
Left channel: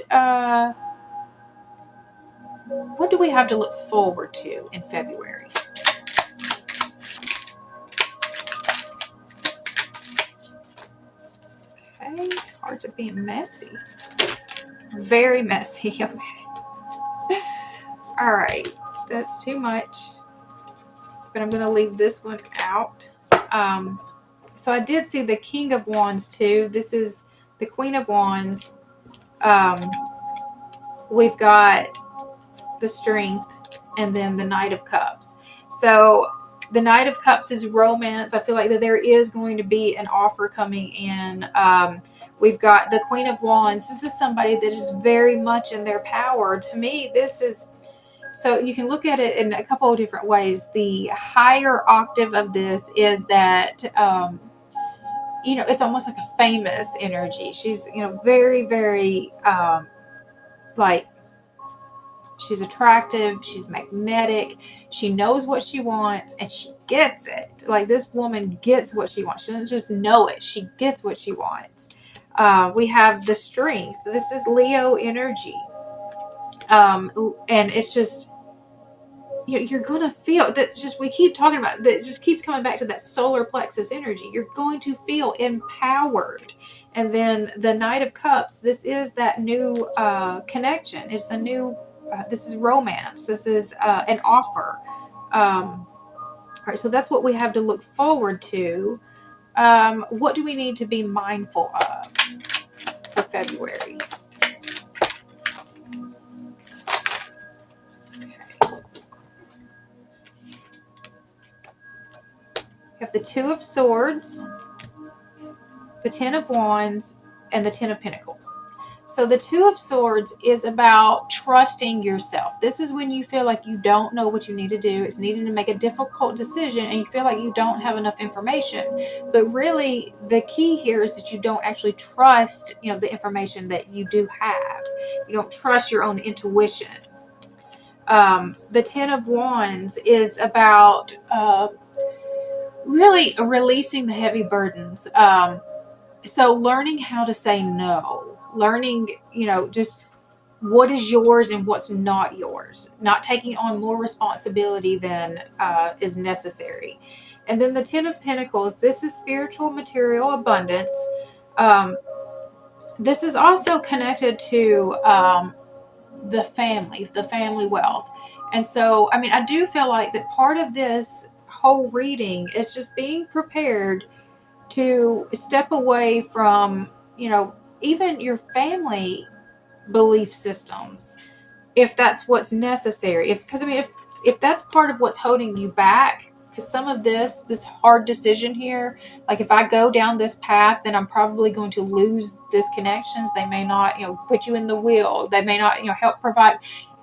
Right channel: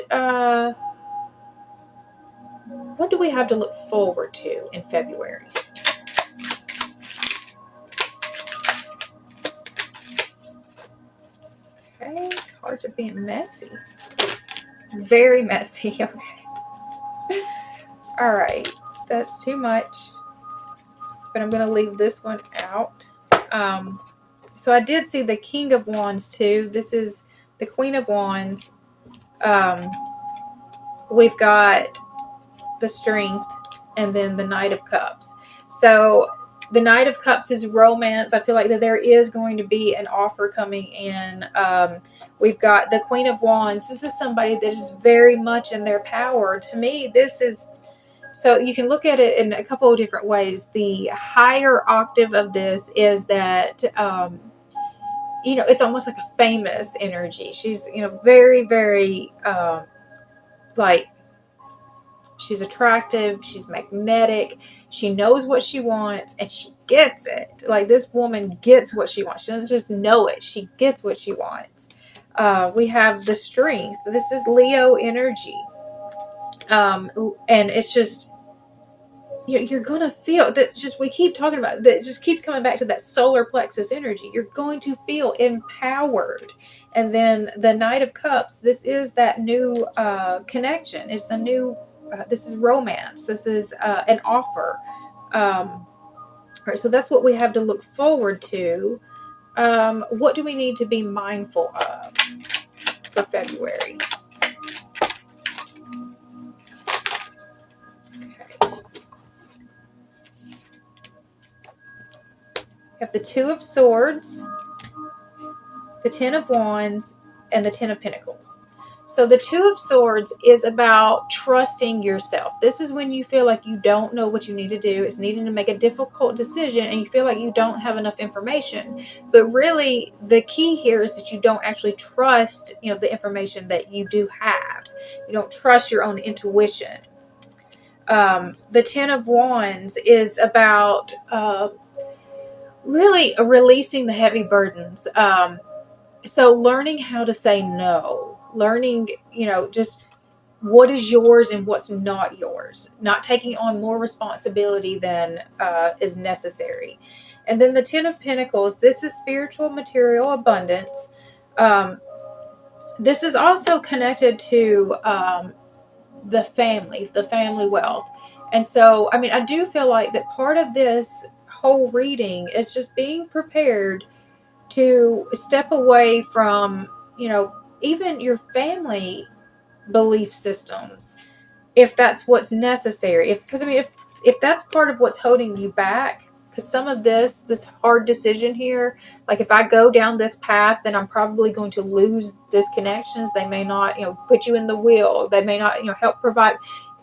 do we have to look forward to in February? Okay, cards are being messy. Very messy. Okay. All right, that's too much. But I'm going to leave this one out. So I did see the King of Wands too. This is the Queen of Wands. We've got the Strength, and then the Knight of Cups. So the Knight of Cups is romance. I feel like that there is going to be an offer coming in. We've got the Queen of Wands. This is somebody that is very much in their power. To me, this is, so you can look at it in a couple of different ways. The higher octave of this is that, it's almost like a famous energy. She's, very, very, she's attractive. She's magnetic. She knows what she wants, and she gets it. Like, this woman gets what she wants. She doesn't just know it. She gets what she wants. We have the Strength. This is Leo energy. And it's just, you're going to feel that, just, we keep talking about that. It just keeps coming back to that solar plexus energy. You're going to feel empowered. And then the Knight of Cups, this is that new connection. It's a new, this is romance. This is an offer. All right, so that's what we have to look forward to. What do we need to be mindful of for February? We have the Two of Swords, the Ten of Wands, and the Ten of Pentacles. So the Two of Swords is about trusting yourself. This is when you feel like you don't know what you need to do. It's needing to make a difficult decision, and you feel like you don't have enough information. But really, the key here is that you don't actually trust, the information that you do have. You don't trust your own intuition. The Ten of Wands is about really releasing the heavy burdens. So learning how to say no, learning, just what is yours and what's not yours, not taking on more responsibility than is necessary. And then the Ten of Pentacles, this is spiritual material abundance. This is also connected to the family wealth. And so, I do feel like that part of this whole reading is just being prepared to step away from, even your family belief systems, if that's what's necessary. If that's part of what's holding you back, because some of this hard decision here, like if I go down this path, then I'm probably going to lose these connections. They may not, put you in the wheel. They may not, help provide.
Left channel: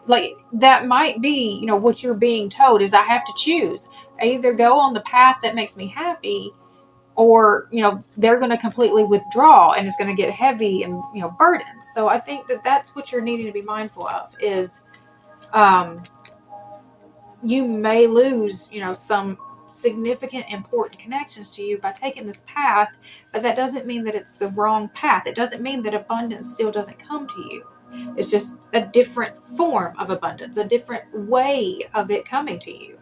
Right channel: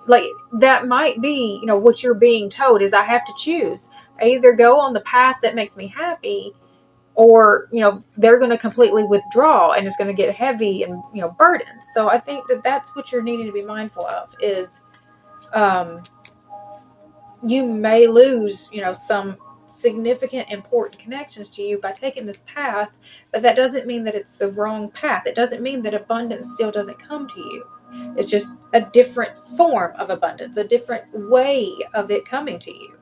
Like that might be, what you're being told is I have to choose. I either go on the path that makes me happy, or they're going to completely withdraw and it's going to get heavy and burdened. So I think that that's what you're needing to be mindful of is you may lose some significant important connections to you by taking this path, but that doesn't mean that it's the wrong path. It doesn't mean that abundance still doesn't come to you. It's just a different form of abundance, a different way of it coming to you.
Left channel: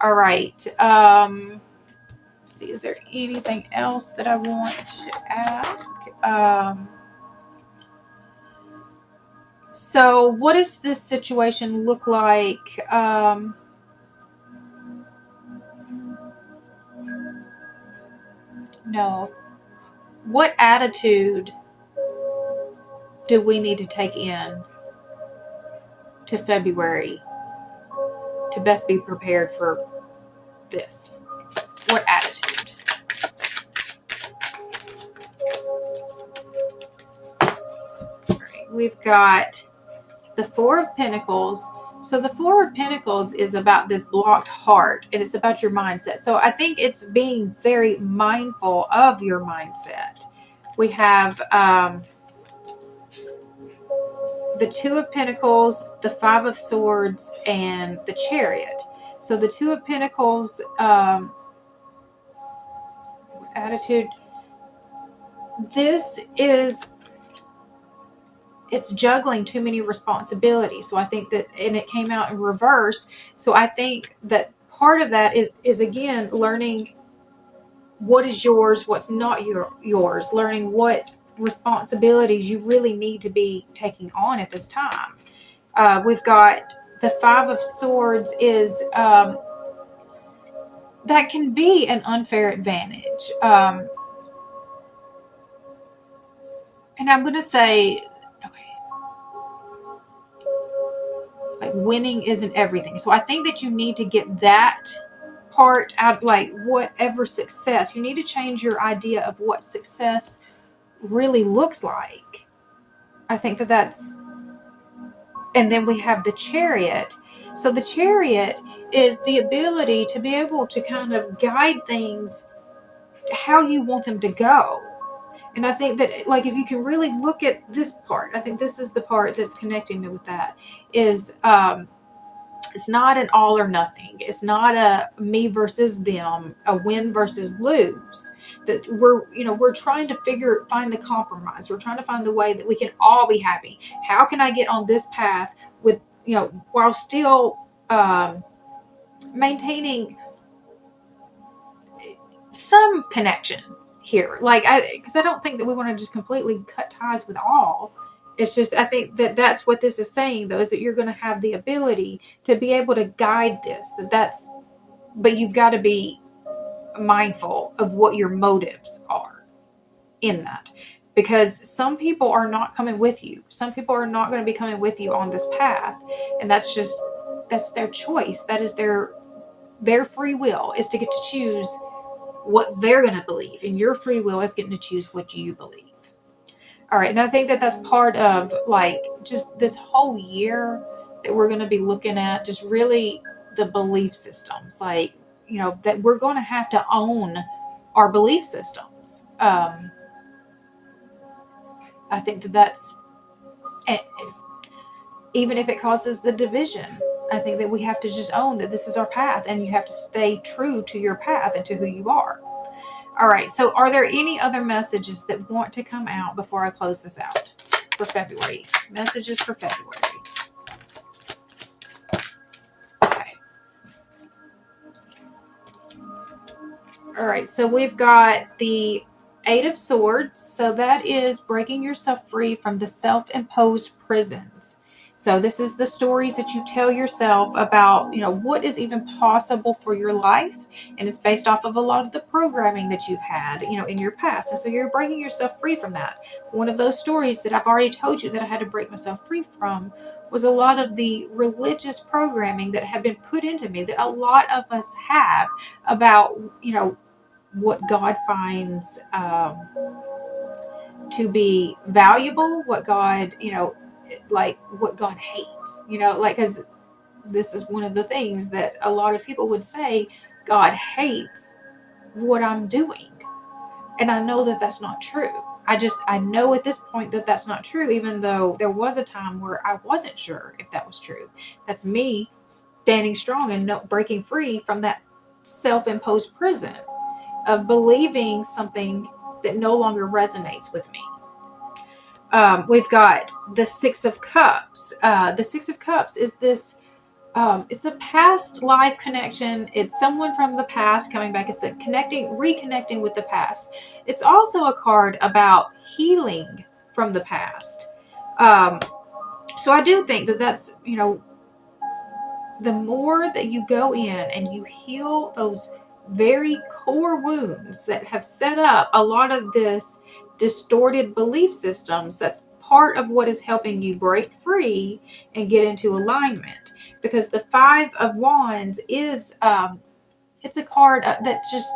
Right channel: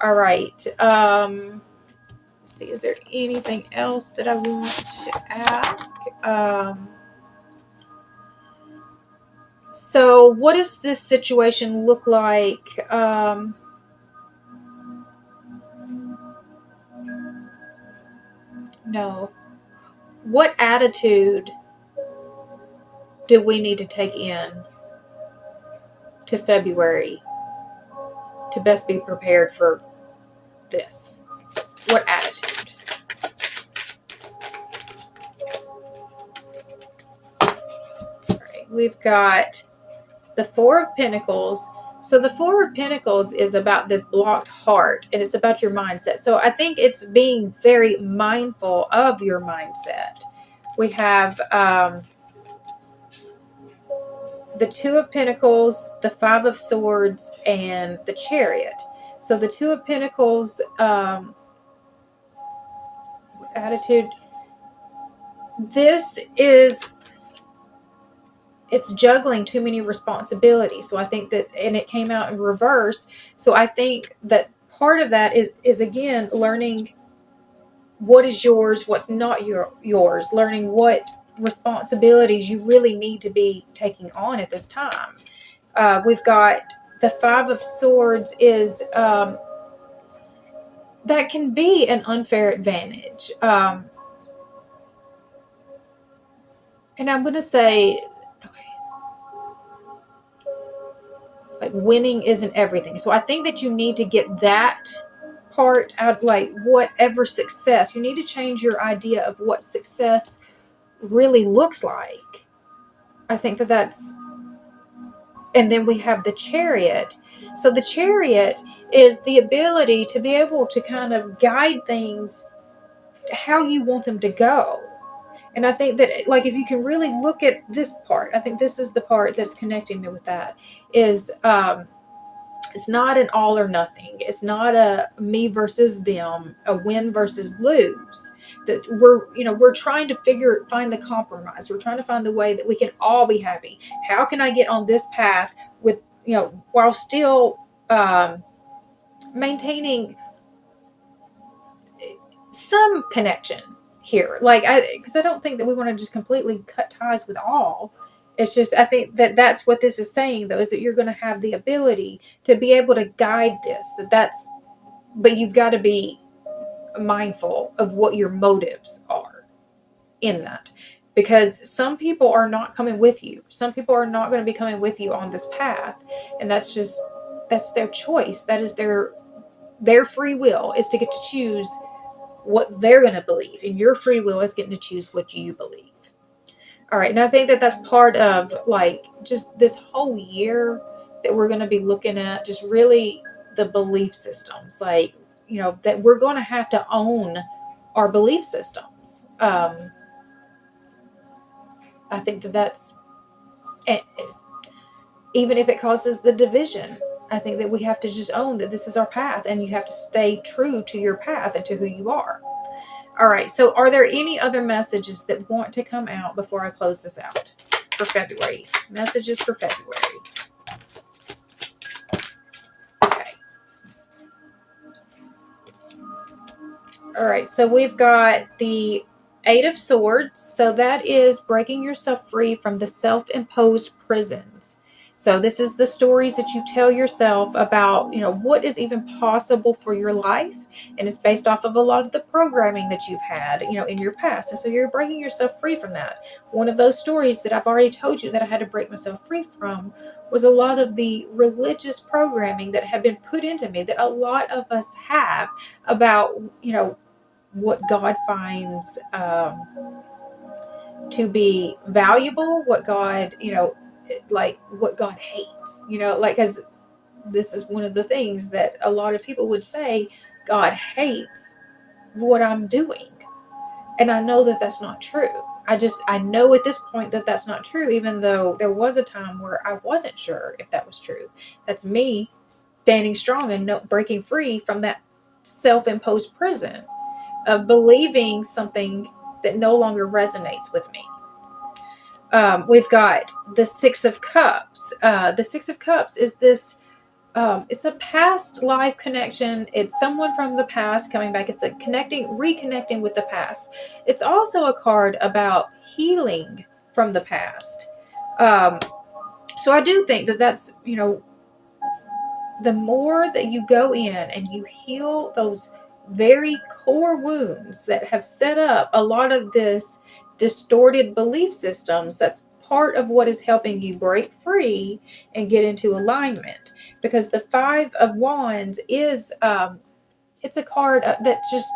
All right. See, is there anything else that I want to ask? So what does this situation look like? No. What attitude do we need to take in to February to best be prepared for this? What attitude? All right, we've got the Four of Pentacles. So the Four of Pentacles is about this blocked heart, and it's about your mindset. So I think it's being very mindful of your mindset. We have the Two of Pentacles, the Five of Swords, and the Chariot. So the Two of Pentacles attitude, it's juggling too many responsibilities. So I think that, and it came out in reverse. So I think that part of that is again, learning what is yours, what's not yours, learning what responsibilities you really need to be taking on at this time. We've got the Five of Swords is, that can be an unfair advantage. And I'm going to say, like winning isn't everything. So I think that you need to get that part out, like whatever success, you need to change your idea of what success really looks like. I think that that's, and then we have the Chariot. So the Chariot is the ability to be able to kind of guide things how you want them to go. And I think that, like, if you can really look at this part, I think this is the part that's connecting me with that, is it's not an all or nothing. It's not a me versus them, a win versus lose. That we're trying to find the compromise. We're trying to find the way that we can all be happy. How can I get on this path with, while still maintaining some connection here? Because I don't think that we want to just completely cut ties with all. It's just, I think that that's what this is saying, though, is that you're going to have the ability to be able to guide this. But you've got to be mindful of what your motives are in that. Because some people are not coming with you. Some people are not going to be coming with you on this path. And that's their choice. That is their free will, is to get to choose what they're going to believe. And your free will is getting to choose what you believe. All right, and I think that that's part of, like, just this whole year that we're going to be looking at, just really the belief systems, like, that we're going to have to own our belief systems. I think that that's, even if it causes the division. I think that we have to just own that this is our path, and you have to stay true to your path and to who you are. All right, so are there any other messages that want to come out before I close this out for February? Messages for February. Okay. All right, so we've got the Eight of Swords. So that is breaking yourself free from the self-imposed prisons. So this is the stories that you tell yourself about, what is even possible for your life. And it's based off of a lot of the programming that you've had, in your past. And so you're breaking yourself free from that. One of those stories that I've already told you that I had to break myself free from was a lot of the religious programming that had been put into me that a lot of us have about, what God finds to be valuable, what God, like what God hates, because this is one of the things that a lot of people would say, God hates what I'm doing. And I know that that's not true. I know at this point that that's not true, even though there was a time where I wasn't sure if that was true. That's me standing strong and breaking free from that self-imposed prison of believing something that no longer resonates with me. We've got the Six of Cups. The Six of Cups is this, it's a past life connection. It's someone from the past coming back. It's a reconnecting with the past. It's also a card about healing from the past. So I do think that that's, the more that you go in and you heal those very core wounds that have set up a lot of this distorted belief systems, that's part of what is helping you break free and get into alignment. Because the Five of Wands is it's a card that just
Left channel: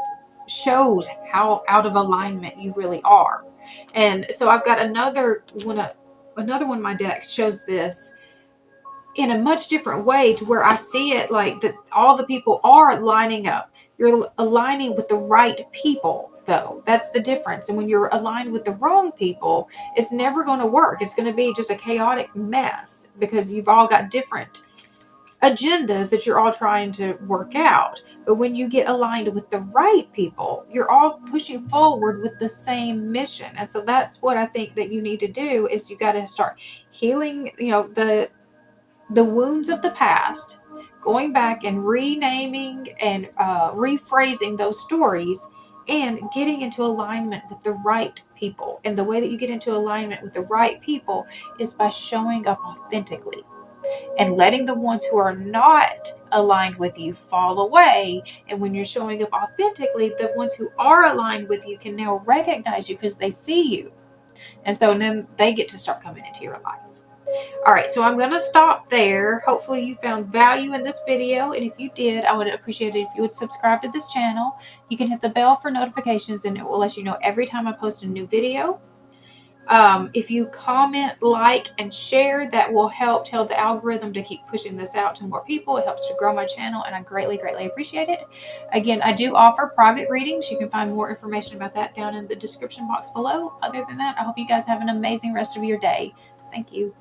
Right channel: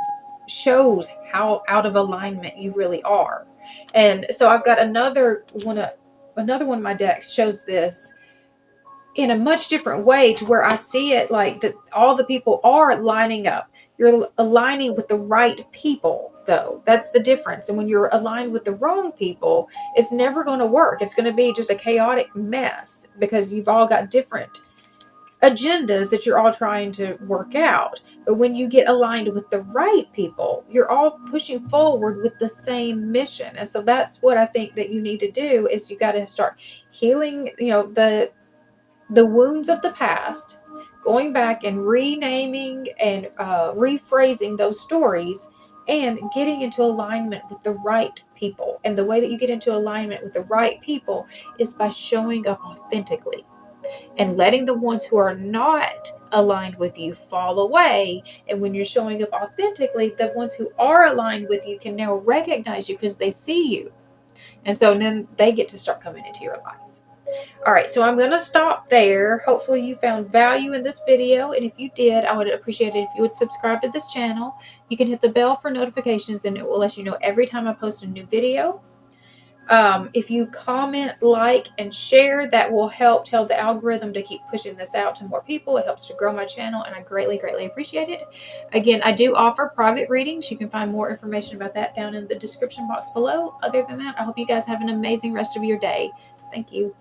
shows how out of alignment you really are. And so I've got another one of my decks shows this in a much different way, to where I see it like that all the people are lining up. You're aligning with the right people, though. That's the difference. And when you're aligned with the wrong people, it's never going to work. It's going to be just a chaotic mess because you've all got different agendas that you're all trying to work out. But when you get aligned with the right people, you're all pushing forward with the same mission. And so that's what I think that you need to do, is you got to start healing, the wounds of the past, going back and renaming and rephrasing those stories, and getting into alignment with the right people. And the way that you get into alignment with the right people is by showing up authentically and letting the ones who are not aligned with you fall away. And when you're showing up authentically, the ones who are aligned with you can now recognize you because they see you. And so then they get to start coming into your life. All right, so I'm going to stop there. Hopefully you found value in this video. And if you did, I would appreciate it if you would subscribe to this channel. You can hit the bell for notifications, and it will let you know every time I post a new video. If you comment, like, and share, that will help tell the algorithm to keep pushing this out to more people. It helps to grow my channel, and I greatly, greatly appreciate it. Again, I do offer private readings. You can find more information about that down in the description box below. Other than that, I hope you guys have an amazing rest of your day. Thank you.